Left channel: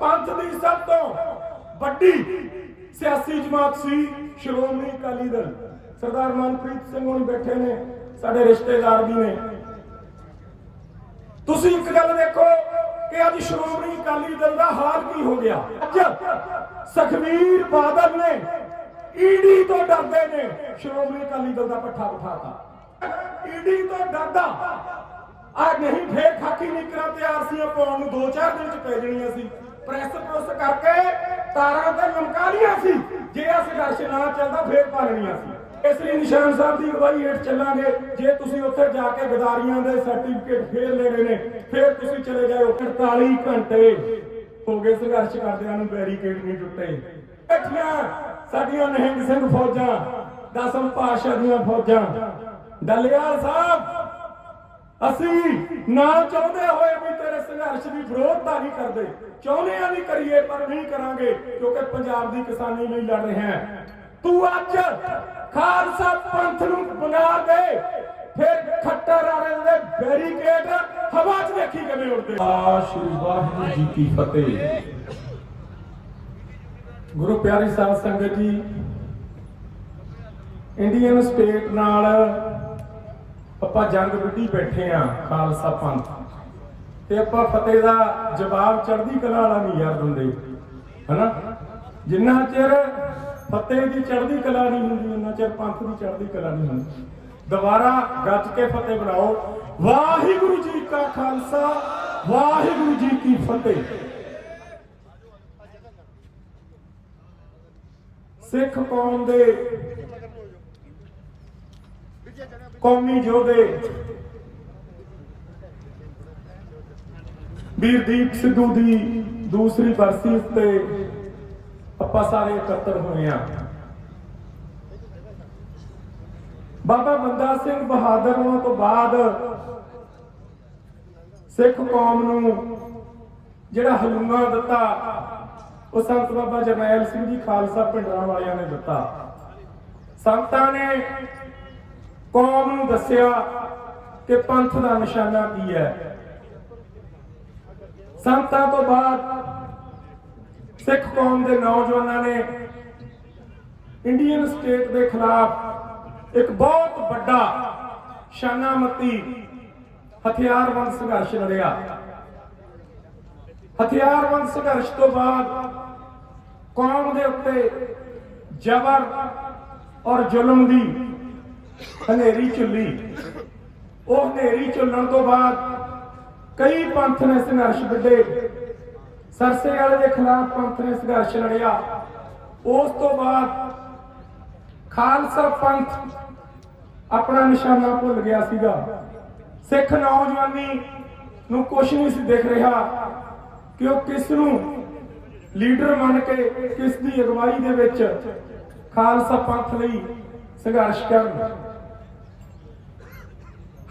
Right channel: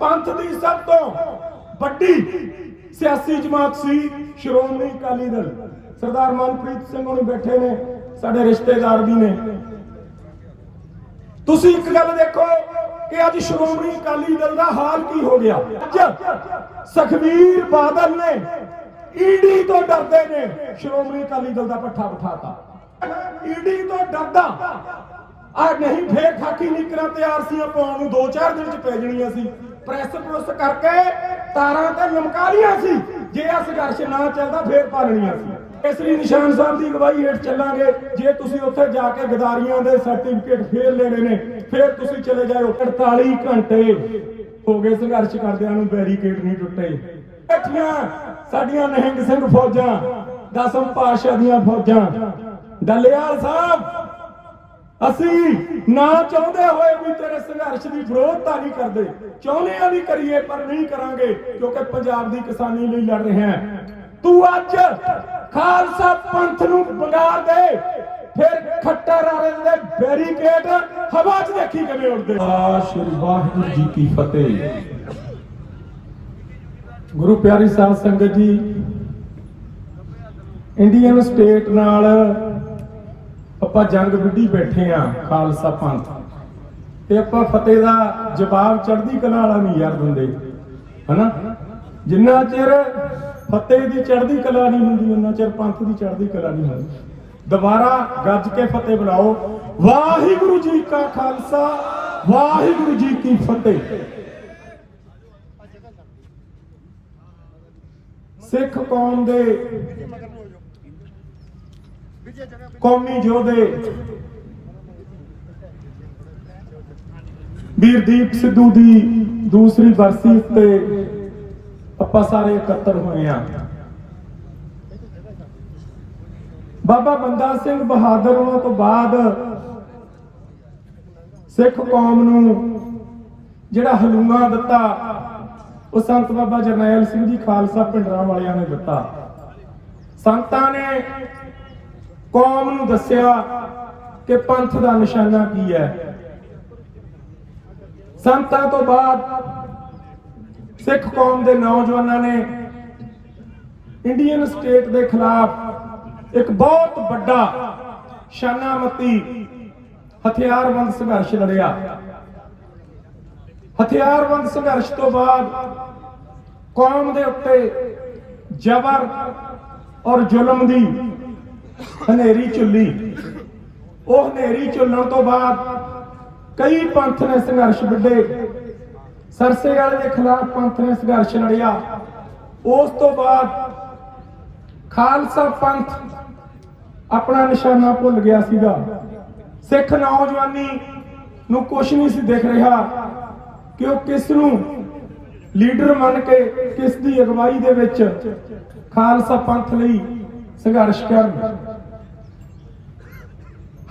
ਪੰਥ ਦੀ ਸਭ ਤੋਂ ਵੱਡੀ ਸਿਆਸੀ ਜਮਾਤ ਸੀ ਸ਼੍ਰੋਮਣੀ ਅਕਾਲੀ ਦਲ। ਸਰਦਾਰ ਮਨਪ੍ਰੀਤ ਸਿੰਘ ਹੋਣੀ ਬੈਠੇ ਨੇ, ਸਾਡੇ ਰਿਸ਼ਤੇਦਾਰ ਵੀ ਨੇ। ਤੁਸੀਂ ਇੱਕ ਗੱਲ ਦੇਖੋ ਕਿ ਅੱਜ ਸ਼੍ਰੋਮਣੀ ਅਕਾਲੀ ਦਲ ਦਾ ਹਾਲ ਕੀ ਹੋ ਗਿਆ? ਅੱਜ ਸੁਖਵੀਰ ਬਾਦਲ ਨੇ ਈਡੀ ਤੋਂ ਡਰਦੇ ਨੇ ਸ਼੍ਰੋਮਣੀ ਅਕਾਲੀ ਦਲ ਦਾ ਪੱਠਾ ਬਿਠਾਤਾ। ਈਡੀ ਤੋਂ ਡਰਦਾ, ਆ ਨਹੀਂ ਫੇਰ ਖਾਕੀ ਨਿਕਰਾਂ ਤਿਆਰ ਸੀ ਪਾਉਣ ਨੂੰ 2-4 ਦਿਨ ਚ ਪੈ ਜਣੀਆਂ ਸੀ। ਪ੍ਰੈਸ ਪ੍ਰੈਸ ਕਰਕੇ ਤਾਰਾਂ ਤੇ ਲਮਕਾ ਸੀ। ਜੇ ਆ ਸੰਘਰਸ਼ ਨਾ ਚੱਲਦਾ, ਫੇਰ ਪਾਲਣੀਆਂ ਸੀ। ਇਸ ਲਈ ਨਿਸ਼ਾਨ ਸਾਹਿਬ ਦੀ ਅਗਵਾਈ ਹੇਠ ਚੱਲਾਂਗੇ। ਜੇ ਤੁਸੀਂ ਉੱਥੇ ਜਾ ਕੇ ਗਦਾਰੀਆਂ ਦੇ ਸਰਟੀਫਿਕੇਟ ਫੇਰ ਲੈਣੇ ਨੇ, ਫੇਰ ਤੁਸੀਂ ਚਲੇ ਜਾਓ 48 ਘੰਟੇ ਹੋ ਗਏ ਸੰਘਰਸ਼ ਕਰਦਿਆਂ ਨੂੰ ਬੈਰੀਕੇਡ ਨਹੀਂ ਟੁੱਟੇ। ਬੈਠੀਆਂ ਸਾਡੀਆਂ ਨਹਿੰਗ ਸਿੰਘ ਫੌਜਾਂ, ਦਸਮ ਪਾਤਸ਼ਾਹ ਦੀਆਂ ਫੌਜਾਂ। ਦਲਿਆਲ ਸਾਹਿਬ ਅਸੀਂ ਨਾ ਚਾਹੁੰਦੇ ਹੋਏ ਵੀ ਤੇਰੇ ਸੰਘਰਸ਼ ਦੀ ਵਿਰੋਧਤਾ ਨਹੀਂ ਕਰਦੇ। ਚਾਹੁੰਦੇ ਆ ਵੀ ਕਰੀਏ, ਪਰ ਨਹੀਂ ਕਰਾਂਗੇ, ਕਿਉਂਕਿ ਪੰਜਾਬ ਦੀ ਕਿਸਾਨੀ ਲਈ ਲੜ ਰਹੇ ਹਾਂ ਤੂੰ ਅੱਜ ਖਾਲਸਾ ਪੰਥ ਨੂੰ ਬੰਗਾਰ ਦੇ, ਫਿਰ ਖੱਟਰ ਵਾਲੇ ਦੇ ਬੈਰੀਕੇਡ ਹਵਾ 'ਚ ਦੇਖੀ ਕਿਵੇਂ ਉੜਦੇ ਆਸ਼ਿਰ ਵਾਹਿਗੁਰੂ ਜੀ ਕੀ ਫਤਿਹ। ਗੁਰੂ ਪਿਆਰੀ ਸਾਧ ਸੰਗਤ ਜੀ, ਇੰਡੀਅਨ ਸਟੇਟ ਨਾਲ ਆਪਾਂ ਜੰਗ ਵਿੱਢੀ ਬੈਠੇ ਆ, ਖਾਲਸਾ ਪੰਥ। ਤੇ ਆਪਾਂ ਫਤਿਹ ਦਾ ਜਵਾਬ ਚੜ੍ਹਦੀ ਕਲਾ ਵਾਲਾ ਨਹੀਂ ਯਾਰ ਬੰਦੇ। ਹਨਾ? ਜਿੰਨਾ ਚਿਰ ਫਤਿਹ ਦੀ ਚੜ੍ਹਦੀ ਕਲਾ ਨਹੀਂ ਹੁੰਦੀ ਉਹਨਾਂ ਚਿਰ ਪੰਥ ਦੀ ਚੜ੍ਹਦੀ ਕਲਾ ਨਹੀਂ ਹੁੰਦੀ। ਦੁਬਾਰਾ ਗੱਜ ਕੇ ਫਤਿਹ ਬੁਲਾਓ। ਵਾਹਿਗੁਰੂ ਜੀ ਕਾ ਖਾਲਸਾ, ਵਾਹਿਗੁਰੂ ਜੀ ਕੀ ਫਤਿਹ। ਸਿੱਖ ਕੌਮ ਦੇ ਕੌਮੀ ਯੋਧੇ। ਵੀਰਦੀਪ ਸਿੱਧੂ ਦੀ ਦੂਸਰੀ ਬਰਸੀ ਉੱਤੇ ਆਪਾਂ ਸਾਰੇ ਇਕੱਤਰ ਹੋਏ ਆ ਬਾਬਾ ਬੰਦਾ ਸਿੰਘ ਬਹਾਦਰ ਉਹਨਾਂ ਤੋਂ ਬਾਅਦ ਸਿੱਖ ਕੌਮ ਨੂੰ ਜਿਹੜਾ ਹਲੂਆ ਦਿੱਤਾ, ਉਹ ਸੰਤ ਬਾਬਾ ਜਰਨੈਲ ਸਿੰਘ ਜੀ ਖਾਲਸਾ ਪਿੰਡਰਾਂ ਵਾਲਿਆਂ ਨੇ ਦਿੱਤਾ। ਸੰਤਾਂ ਨੇ ਕੌਮ ਨੂੰ ਦੱਸਿਆ ਕਿ ਪੰਥ ਦਾ ਨਿਸ਼ਾਨਾ ਕੀ ਹੈ। ਸੰਤਾਂ ਤੋਂ ਬਾਅਦ ਸਿੱਖ ਕੌਮ ਦੇ ਨੌਜਵਾਨਾਂ ਨੇ ਇੰਡੀਅਨ ਸਟੇਟ ਦੇ ਖਿਲਾਫ ਇੱਕ ਬਹੁਤ ਵੱਡਾ ਸ਼ਾਨਾਮਤੀ ਹਥਿਆਰਬੰਦ ਸੰਘਰਸ਼ ਲੜਿਆ। ਹਥਿਆਰਬੰਦ ਸੰਘਰਸ਼ ਤੋਂ ਬਾਅਦ ਕੌਮ ਦੇ ਉੱਤੇ ਜ਼ਬਰ ਔਰ ਜ਼ੁਲਮ ਦੀ ਹਨੇਰੀ ਚੁੱਲੀ ਉਹ ਹਨੇਰੀ ਚੱਲਣ ਤੋਂ ਬਾਅਦ ਕਈ ਪੰਥ ਨੇ ਸੰਘਰਸ਼ ਵਿੱਢੇ। ਸਰਸੇ ਵਾਲੇ ਦੇ ਖਿਲਾਫ ਪੰਥ ਨੇ ਸੰਘਰਸ਼ ਲੜਿਆ। ਉਸ ਤੋਂ ਬਾਅਦ ਖਾਲਸਾ ਪੰਥ ਆਪਣਾ ਨਿਸ਼ਾਨਾ ਭੁੱਲ ਗਿਆ ਸੀਗਾ। ਸਿੱਖ ਨੌਜਵਾਨੀ ਨੂੰ ਕੁਝ ਨਹੀਂ ਸੀ ਦਿਖ ਰਿਹਾ ਕਿ ਉਹ ਕਿਸ ਨੂੰ ਲੀਡਰ ਮੰਨ ਕੇ ਕਿਸ ਦੀ ਅਗਵਾਈ ਦੇ ਵਿੱਚ ਖਾਲਸਾ ਪੰਥ ਲਈ ਸੰਘਰਸ਼ ਕਰਨ।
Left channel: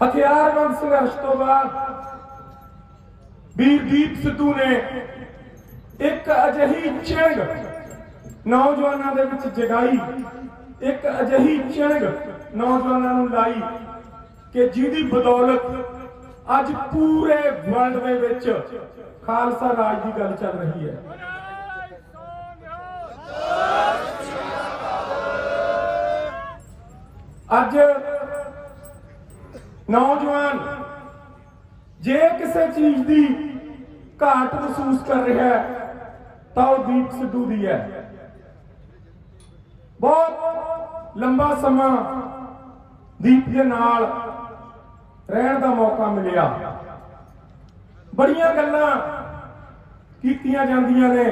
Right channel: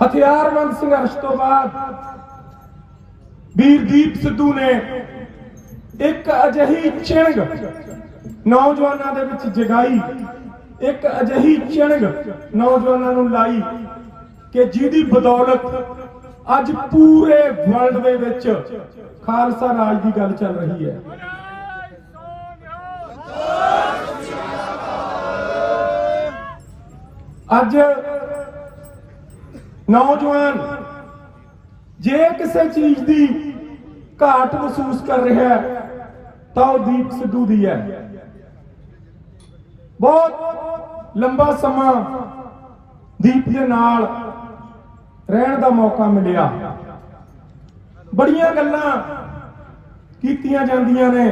ਹਥਿਆਰਬੰਦ ਸੰਘਰਸ਼ ਤੋਂ ਬਾਅਦ ਵੀਰਦੀਪ ਸਿੱਧੂ ਨੇ ਇੱਕ ਅਜਿਹੀ ਚਿੰਗ ਨੌਜਵਾਨਾਂ ਦੇ ਵਿੱਚ ਜਗਾਈ। ਇੱਕ ਅਜਿਹੀ ਚਿੰਗ ਨੌਜਵਾਨਾਂ ਨੂੰ ਲਾਈ ਕਿ ਜਿਹਦੀ ਬਦੌਲਤ ਅੱਜ ਪੂਰੇ ਵਰਲਡ ਦੇ ਵਿੱਚ ਖਾਲਸਾ ਰਾਜ ਦੀ ਗੱਲ ਚੱਲ ਰਹੀ ਹੈ। ਅੱਜ ਨੌਜਵਾਨ ਜੇ ਕਿਸੇ ਚੀਜ਼ ਦੀ ਘਾਟ ਮਹਿਸੂਸ ਕਰ ਰਿਹਾ ਹੈ, ਤਾਂ ਉਹ ਦੀਪ ਸਿੱਧੂ ਦੀ ਹੈ। ਬਹੁਤ ਲੰਬਾ ਸਮਾਂ ਦੀਪ ਦੇ ਨਾਲ ਰਹਿਣ ਦਾ ਮੌਕਾ ਮਿਲਿਆ। ਬੜੀਆਂ ਗੱਲਾਂ ਕੀਤੀਆਂ ਜਾਂਦੀਆਂ ਨੇ।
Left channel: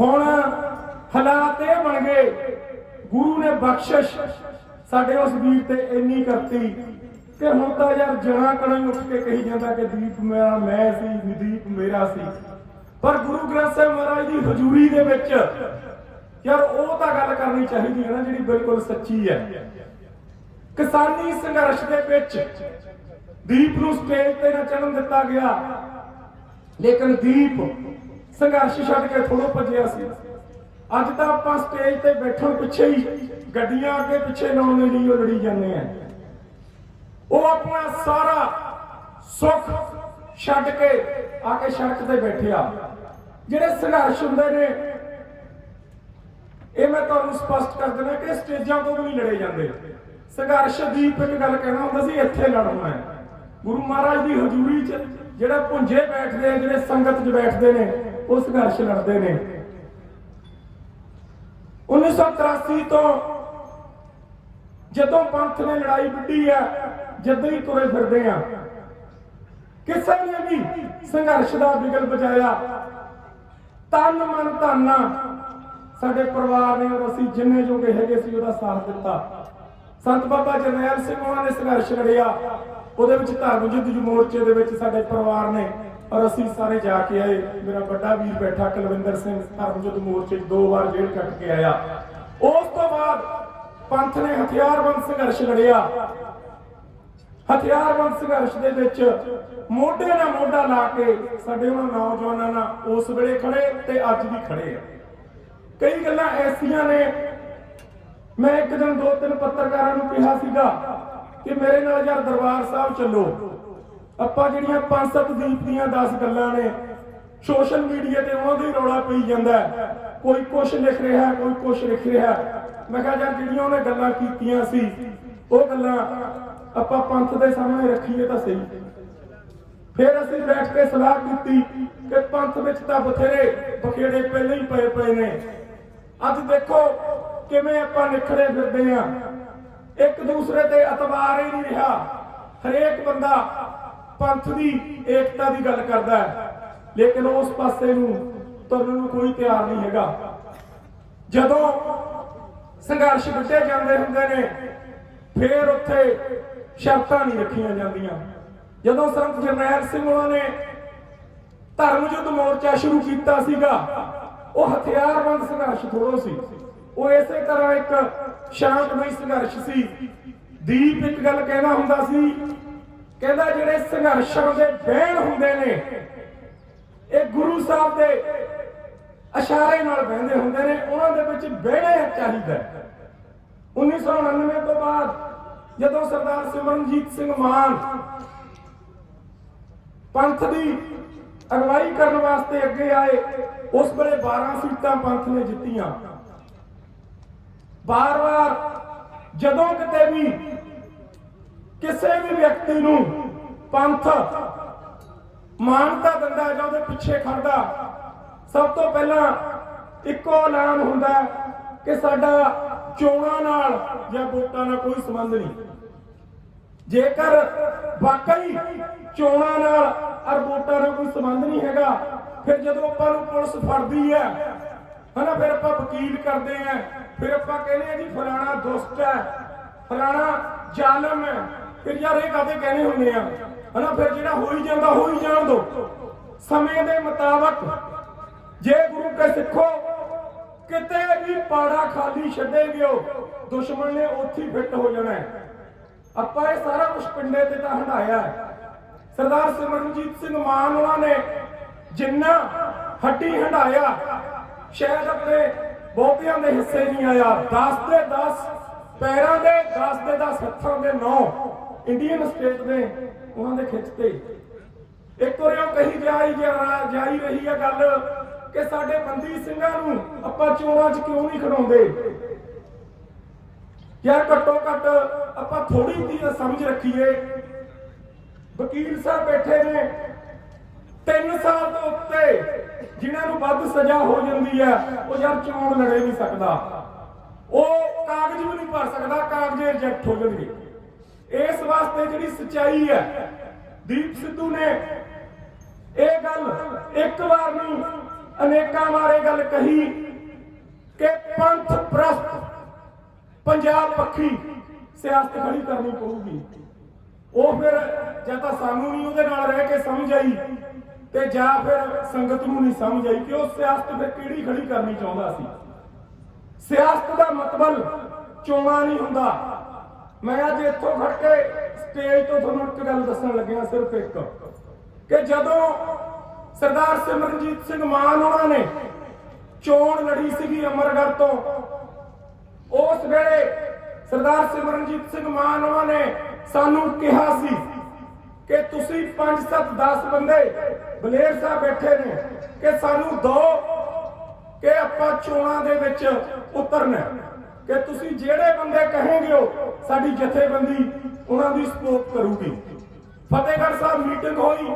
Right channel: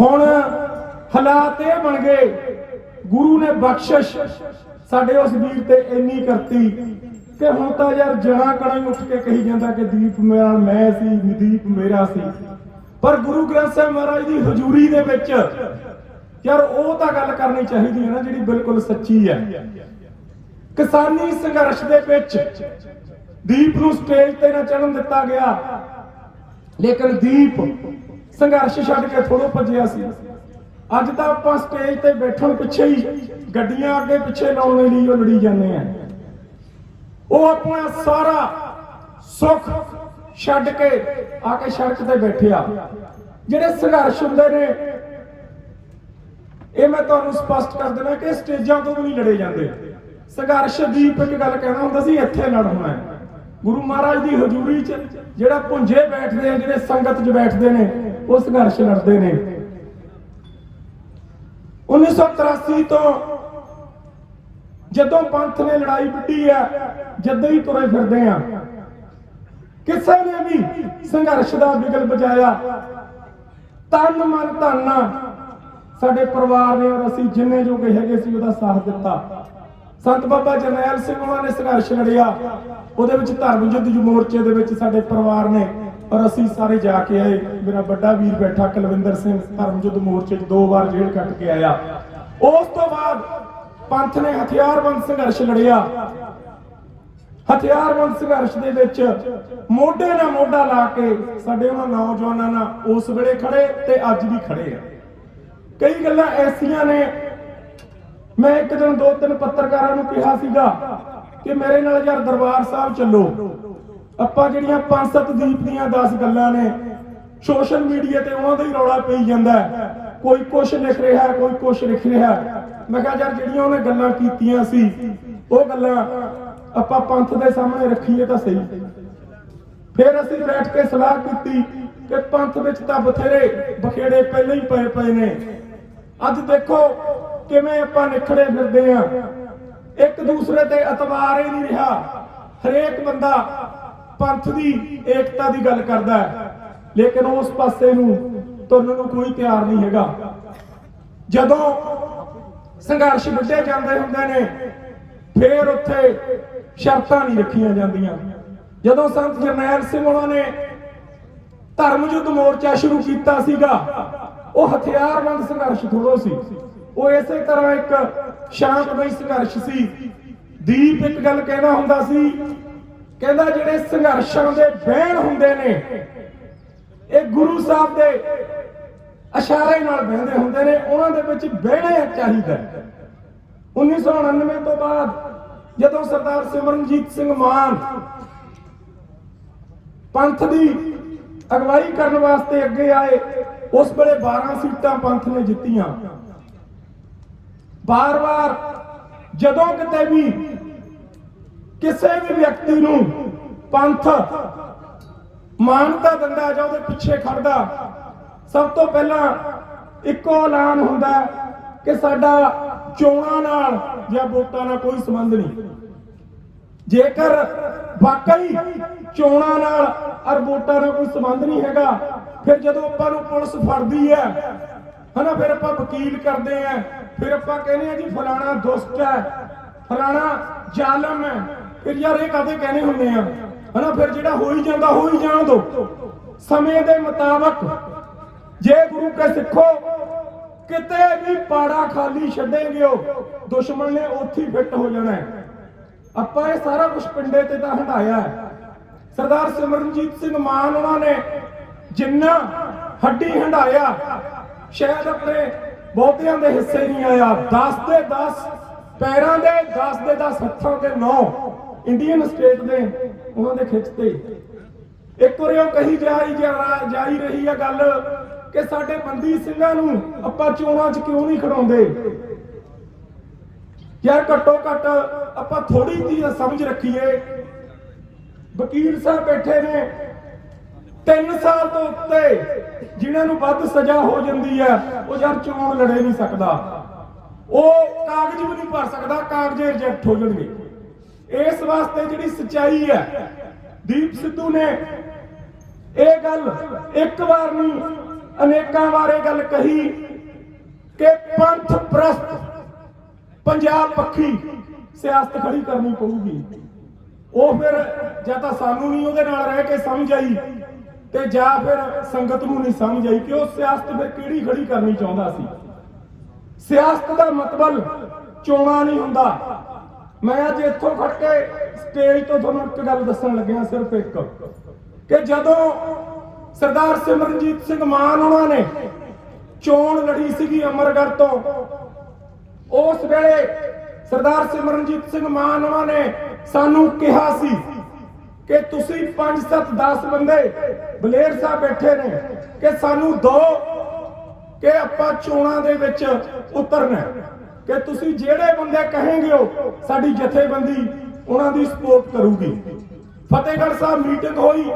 ਹੁਣ ਹਾਲਾਤ ਇਹ ਬਣ ਗਏ ਗੁਰੂ ਨੇ ਬਖਸ਼ਿਸ਼ ਸਾਡੇ ਉਸ ਵੀਰ ਤੇ ਇੰਨੀ ਕਰਤੀ ਕਿ ਹੁਣ ਤਾਂ ਯਾਰ ਜਣਾ ਕਣਾ ਹੀ ਉੱਠ ਕੇ ਕਹੀ ਜਾਂਦਾ ਕਿ ਦੀਪ ਮੇਰਾ, ਮੈਂ ਸੀ, ਦੀਪ ਮੇਰਾ ਸੀ। ਪਰ ਗੁਰੂ ਗ੍ਰੰਥ ਸਾਹਿਬ ਮਹਾਰਾਜ ਦੀ ਹਜ਼ੂਰੀ ਦੇ ਵਿੱਚ ਯਾਰ ਉਹ ਤਾਂ ਗੱਲ ਕਰਨੀ ਚਾਹੀਦੀ ਹੈ ਨਾ ਜਿਹੜੀ ਬਿਲਕੁਲ ਸੱਚੀ ਹੈ। ਕਿਸਾਨੀ ਸੰਘਰਸ਼ ਦੇ ਵਿੱਚ ਦੀਪ ਨੂੰ ਸਟੇਜ ਤੇ ਨਾ ਚੜਨ ਦਿੱਤਾ ਗਿਆ। ਲੇਕਿਨ ਦੀਪ ਸੰਘਰਸ਼ ਛੱਡ ਕੇ ਥੋੜੋ ਭੱਜਿਆ ਸੀ। ਅੱਜ ਤਾਂ ਆਪਾਂ ਸਟੇਜ ਤੇ ਬੈਠਣ ਪਿੱਛੇ ਹੀ ਗੱਡੀਆਂ ਅੱਗੇ ਪਿੱਛੇ ਲਾਉਣ ਲਈ ਉਹ ਲੜੀ ਜਾਂਦੇ ਆ। ਉਹ ਆਪਣਾ ਸਾਰਾ ਸੁੱਖ ਛੱਡ ਕੇ ਆ ਕੇ ਸੜਕ ਤੇ ਬੈਠੇ ਆ। ਜਿਹੜੇ ਸੰਘਰਸ਼ ਹੁੰਦੇ ਨੇ, ਇਹ ਮੈਂ ਤੁਹਾਨੂੰ ਸਪਸ਼ਟ ਕਰ ਦਿੰਦਾ ਕਿ ਸਟੇਜਾਂ ਤੋਂ ਵੀ ਲੜੇ ਜਾਂਦੇ ਸੰਘਰਸ਼ ਦੀਪ ਇੱਕ ਗੱਲ ਕਹਿੰਦਾ ਹੁੰਦਾ ਸੀ, ਇੱਥੇ ਲੜਨਾ ਹੈ। ਗੁਰੂ ਮਹਾਰਾਜ ਦੀ ਹਜ਼ੂਰੀ 'ਚ ਜਿਹੜਾ ਪੁੰਜੇ ਬੈਠਦੇ ਆ, ਜਿਹੜੇ ਸੰਗਤ 'ਚ ਬੈਠਦੇ ਨੇ, ਉਹ ਸੰਘਰਸ਼ ਲੜਦੇ ਨੇ। 1983 ਤੋਂ ਜਦੋਂ ਪੰਥ ਨੇ ਲੜਾਈ ਵਿੱਢੀ ਹੈ, ਜਦੋਂ ਹੀ ਤੁਰੇ ਫਿਰਦੇ ਆ। ਕਿਸੇ ਨੇ ਵੀ ਸੰਘਰਸ਼ ਦਾ ਬਿਗਲ ਬਜਾਇਆ ਤਨ ਮਨ ਧਨ ਸਾਡੇ ਪਰਿਵਾਰ ਨੇ ਔਰ ਅਸੀਂ ਜਿੰਨੇ ਜੋਗੇ ਹੈਗੇ ਸੀ, ਉਹਦਾ ਸਾਥ ਦਿੱਤਾ। ਸੰਤ ਬਾਬਾ ਜਰਨੈਲ ਸਿੰਘ ਉਹਨਾਂ ਨੇ ਸੰਘਰਸ਼ ਲੜਿਆ। ਉਹਦੇ ਵਿੱਚ ਧਰਮ ਯੁੱਧ ਮੋਰਚੇ ਦੇ ਵਿੱਚ ਸਾਡੇ ਪਰਿਵਾਰ ਨੇ ਪਰ ਅਸੀਂ ਸਾਰੇ ਜਾ ਕੇ ਆਏ। ਮੇਰਾ ਵੱਡਾ ਵੀਰ ਬੈਠਾ, ਕੁਲਵਿੰਦਰ ਸਿੰਘ ਧਰਮ ਯੁੱਧ ਮੋਰਚੇ 'ਚ ਦੋ ਵਾਰ ਜੇਲ੍ਹ ਕੱਟ ਕੇ ਆਇਆ। ਉਸ ਤੋਂ ਬਾਅਦ ਪੰਥ ਨੇ ਹਥਿਆਰਬੰਦ ਸੰਘਰਸ਼ ਲੜਿਆ। ਹਥਿਆਰਬੰਦ ਸੰਘਰਸ਼ ਦੇ ਵਿੱਚ ਮੋਢੇ ਨਾਲ ਮੋਢਾ ਲਾ ਕੇ ਸਾਡੇ ਉਹਨਾਂ ਨੌਜਵਾਨਾਂ ਨਾਲ ਉਸ ਵੇਲੇ ਖੜੇ ਤੇ ਅੱਜ ਵੀ ਖੜੇ ਆ। ਕਈ ਗੱਲਾਂ ਐਸੀਆਂ ਨੇ, ਮੈਂ ਇੱਕ ਦਿਨ ਦੋ ਤਿੰਨ ਪੱਤਰਕਾਰਾਂ ਨੂੰ ਕਿਹਾ ਸੀਗਾ ਕਿ ਮੇਰੇ ਨਾਲ ਯਾਰ ਦਰਬਾਰ ਸਾਹਿਬ ਚੱਲੋ। ਆਪਾਂ ਜਿਹੜੀਆਂ ਪੰਜ ਸੱਤ ਦੀਪ ਦੀਆਂ 10 ਗੱਲਾਂ ਨੇ, ਸੋਸ਼ਲ ਮੀਡੀਆ ਤੇ ਉਹਨਾਂ ਦਾ ਹੀ ਰੌਲਾ ਪਈ ਜਾਂਦਾ ਕੋਈ ਕੁਛ ਲਿਖ ਰਿਹਾ, ਕੋਈ ਕੁਛ ਲਿਖ ਰਿਹਾ। ਮੈਂ ਕਿਹਾ ਯਾਰ ਜਿਹੜੀਆਂ ਉਹਨੇ ਗੱਲਾਂ ਕੀਤੀਆਂ ਸੀ, ਉਹ ਗੱਲਾਂ ਆਪਾਂ ਪੰਥ ਦੇ ਸਾਹਮਣੇ ਰੱਖੀਏ ਤਾਂ ਸਹੀ। ਫਿਰ ਅਸੀਂ ਬੈਠ ਕੇ ਸਲਾਹ ਕੀਤੀ ਕਿ ਪੰਥ ਵਿੱਚ ਤਾਂ ਬਥੇਰੇ ਬਖੇੜੇ ਪਹਿਲਾਂ ਹੀ ਪਏ ਪਏ ਨੇ। ਅੱਜ ਦੇਖੋ ਕਿਵੇਂ ਆਪਾਂ ਨਿਖੜੇ ਫਿਰਦੇ ਆ ਇੱਕ ਦੂਸਰੇ ਤੇ ਇਤਬਾਰ ਹੀ ਨਹੀਂ ਰਿਹਾ। ਹਰੇਕ ਬੰਦਾ ਪੰਥ ਦੀ ਏਕਤਾ ਦੀ ਗੱਲ ਕਰਦਾ ਹੈ। ਲੇਕਿਨ ਉਸ ਪਾਸੇ ਨੂੰ ਤੁਰਨ ਨੂੰ ਕੋਈ ਤਿਆਰ ਨਹੀਂ ਹੈਗਾ। ਜਦੋਂ ਸੰਘਰਸ਼ ਵਿੱਢੇ ਜਾਂਦੇ ਹੁੰਦੇ ਨੇ, ਫਿਰ ਉੱਥੇ ਸ਼ਰਤਾਂ ਨਹੀਂ ਰੱਖੀਆਂ ਜਾਂਦੀਆਂ। ਜਦੋਂ ਸੰਤ ਜਰਨੈਲ ਸਿੰਘ ਉਹਨਾਂ ਨੇ ਧਰਮ ਯੁੱਧ ਮੋਰਚਾ ਸ਼ੁਰੂ ਕੀਤਾ ਸੀਗਾ, ਉਹ ਹਥਿਆਰਬੰਦ ਸੰਘਰਸ਼ ਥੋੜੋ ਸੀ। ਉਹ ਇਸੇ ਤਰ੍ਹਾਂ ਇੱਕ ਸ਼ਾਂਤਮਈ ਸੰਘਰਸ਼ ਸੀ। ਦੀਪ ਇੱਕ ਗੱਲ ਕਹਿਣਾ ਹੁੰਦਾ ਸੀ ਕਹਿੰਦਾ ਜਿਹੜੇ ਸੰਘਰਸ਼ਾਂ ਦੇ ਬਹਿਣ ਹੁੰਦੇ ਨੇ, ਇਹ ਗੁਰੂ ਸਾਹਿਬ ਦੇ ਇਸ਼ਾਰੇ ਨਾਲ ਬਹਿੰਦੇ ਹੁੰਦੇ ਨੇ, ਉਹਨਾਂ ਦੇ ਵਿੱਚ ਬਹਿਣਾ ਚਾਹੀਦਾ 1999 ਤੋਂ ਬਾਅਦ ਜਦੋਂ ਸਰਦਾਰ ਸਿਮਰਨਜੀਤ ਸਿੰਘ ਮਾਨ ਪੰਥ ਦੀ ਅਗਵਾਈ ਕਰਨ ਵਾਸਤੇ ਅੱਗੇ ਆਏ, ਉਸ ਵੇਲੇ 12 ਸੀਟਾਂ ਪੰਥ ਨੇ ਜਿੱਤੀਆਂ। ਬਾਰ-ਬਾਰ ਜਦੋਂ ਕਿਤੇ ਵੀ ਕਿਸੇ ਵੀ ਵਿਅਕਤੀ ਨੂੰ ਪੰਥ ਮਾਨਤਾ ਦਿੰਦਾ ਜਾਂ ਉਹਦੇ ਪਿੱਛੇ ਖੜਦਾ, ਸਭ ਤੋਂ ਪਹਿਲਾਂ ਇੱਕੋ ਐਲਾਨ ਹੁੰਦਾ ਕਿ ਸਾਡਾ ਚੋਣਾਂ ਨਾਲ ਜਾਂ ਵੋਟਾਂ ਨਾਲ ਕੋਈ ਸੰਬੰਧ ਨਹੀਂ। ਜੇਕਰ ਵਾਕਈ ਚੋਣਾਂ ਨਾਲ ਔਰ ਵੋਟਾਂ ਨਾਲ ਕੋਈ ਸੰਬੰਧ ਨਹੀਂ ਹੈਗਾ, ਫਿਰ ਜਦੋਂ ਆਪਾਂ ਨੂੰ ਪੁਲਿਸ ਫੜਦੀ ਹੈ, ਹਨਾ, ਫਿਰ ਆਪਾਂ ਵਕੀਲ ਕਰਦੇ ਆ ਫਿਰ ਆਪਾਂ ਕਹਿੰਦੇ ਆ ਜੀ, ਫਲਾਣਾ ਦੁਸ਼ਟ ਹੈ, ਫਲਾਣਾ ਜ਼ਾਲਮ ਹੈ ਫਿਰ ਯਾਰ ਇਹ ਕਦੇ ਕਹਿੰਦੇ ਹੁੰਦੇ ਆ? ਹਨਾ, ਫਿਰ ਜਿਹੜਾ ਹੋਈ ਜਾਂਦਾ, ਹੋਈ ਜਾਣ ਦੋ। ਸਮੇਂ ਦੇ ਮੁਤਾਬਕ ਜੇ ਗੁਰੂ ਕੇ ਸਿੱਖੋ, ਕਿਤੇ ਵੀ ਪਾੜਾ ਖਾਲੀ ਛੱਡੇਂਗੇ ਉਹ, ਦੁਸ਼ਮਣ ਨੇ ਉੱਥੇ ਫਿੱਟ ਹੋ ਜਾਣਾ ਆਪਾਂ ਇਹ ਸਾਰਾ ਕੁਝ ਪਿੰਡੇ ਤੇ ਤਾਂ ਹਟਾਇਆ ਸਰਦਾਰ ਸਿਮਰਨਜੀਤ ਸਿੰਘ ਮਾਨ ਉਹਨਾਂ ਨੇ ਜਿੰਨਾ ਹੱਡੀ ਹੰਡਾਇਆ, ਸ਼ਾਇਦ ਆਪਣੇ ਬਹੁਤਿਆਂ ਦੇ ਹਿੱਸੇ ਨਹੀਂ ਆਇਆ 10 ਦੇ 10 ਪੈਰਾਂ ਦੇ 10 ਦੇ 10 ਹੱਥਾਂ ਦੇ 9 ਇੰਡੀਅਨ ਸਟੇਟ ਨੇ ਉਹਨਾਂ ਦੇ ਖਿੱਚ ਤੇ। ਇੱਕ ਵਾਰ ਉਹ ਕਹੀ ਜਾਈ ਜਾ- ਜਾਈ ਰਹੀ ਹੈ ਗੱਲ ਕਿ ਸਾਡੇ ਬੰਦੀ ਸਿੰਘਾਂ ਨੂੰ ਆਪਾਂ ਚੋਣਾਂ 'ਚ ਕਿਉਂ ਨਹੀਂ ਖੜਾਉਂਦੇ? ਯਾਰ ਘੱਟੋ ਘੱਟ ਆਪਾਂ ਥੋੜੀ ਜੀ ਸਮਝ ਰੱਖੀਏ। ਵਕੀਲ ਸਾਹਿਬ ਬੈਠੇ ਨੇ 3 ਸਾਲ ਤੋਂ ਉੱਤੇ, ਜਿਨ੍ਹਾਂ ਨੂੰ ਵੱਧ ਸਜ਼ਾ ਹੋ ਜਾਂਦੀ ਹੈ ਉਹ ਯਾਰ ਚੋਣ ਲੜੇ ਨਹੀਂ ਸਕਦਾ। ਉਹ ਕਾਗਜ਼ ਵੀ ਨਹੀਂ ਭਰ ਸਕਦਾ, ਕਾਗਜ਼ ਰਿਜੈਕਟ ਹੋ ਜਾਣਗੇ। ਇਸ ਵਾਸਤੇ ਜਿਹੜੀ ਸਚਾਈ ਹੈ, ਦੀਪ ਸਿੱਧੂ ਨੇ ਇਹ ਗੱਲ ਇੱਕ ਵਾਰ ਨਹੀਂ ਅਨੇਕਾਂ ਵਾਰ ਇਹ ਗੱਲ ਕਹੀ ਕਿ ਪੰਥ ਪ੍ਰਸਤ ਪੰਜਾਬ ਪੱਖੀ ਸਿਆਸਤ ਖੜੀ ਕਰਨੀ ਪਊਗੀ। ਉਹ ਫਿਰ ਜਾਂ ਤਾਂ ਸਾਨੂੰ ਨਹੀਂ ਉਹਦੇ ਨਾਲ ਰਹਿ ਕੇ ਸਮਝ ਆਈ ਤੇ ਜਾਂ ਫਿਰ ਸੰਗਤ ਨੂੰ ਨਹੀਂ ਸਮਝ ਆਈ ਕਿ ਉਹ ਸਿਆਸਤ ਫਿਰ ਕਿਹੜੀ ਖੜੀ ਕਰਨੀ ਚਾਹੁੰਦਾ ਸੀ। ਸਿਆਸਤ ਦਾ ਮਤਲਬ ਚੋਣਾਂ ਨਹੀਂ ਹੁੰਦਾ। ਮੈਂ ਅੱਜ ਇੱਥੋਂ ਫੜ ਕੇ ਸਟੇਜ ਤੋਂ ਤੁਹਾਨੂੰ ਇੱਕ ਗੱਲ ਦੱਸਣ ਲੱਗਿਆ ਸਿਰਫ ਇੱਕ ਕਿ ਜਦੋਂ ਸਰਦਾਰ ਸਿਮਰਨਜੀਤ ਸਿੰਘ ਮਾਨ ਉਹਨਾਂ ਨੇ ਚੋਣ ਲੜੀ ਸੀਗੀ ਅਮਰਗੜ੍ਹ ਤੋਂ, ਉਸ ਵੇਲੇ ਸਰਦਾਰ ਸਿਮਰਨਜੀਤ ਸਿੰਘ ਮਾਨ ਉਹਨਾਂ ਨੇ ਸਾਨੂੰ ਕਿਹਾ ਸੀ ਕਿ ਤੁਸੀਂ 5 7 10 ਬੰਦੇ ਬਲੇਰ ਸਾਹਿਬ ਬੈਠੇ ਨੇ ਕਿ ਸਾਨੂੰ ਦੋ ਕਿ ਆਪਾਂ ਚੋਣਾਂ ਦੇ ਵਿੱਚ ਉਤਰਨਾ ਕਿ ਤੁਸੀਂ ਜਿਹੜੇ ਬੰਦੇ ਕਹੋਗੇ ਹੋ ਸਾਡੀ ਜਥੇਬੰਦੀ ਉਹਨਾਂ ਦੀ ਸਪੋਰਟ ਕਰੂਗੀ। ਫਤਿਹਗੜ੍ਹ ਸਾਹਿਬ ਮੀਟਿੰਗ ਹੋਈ।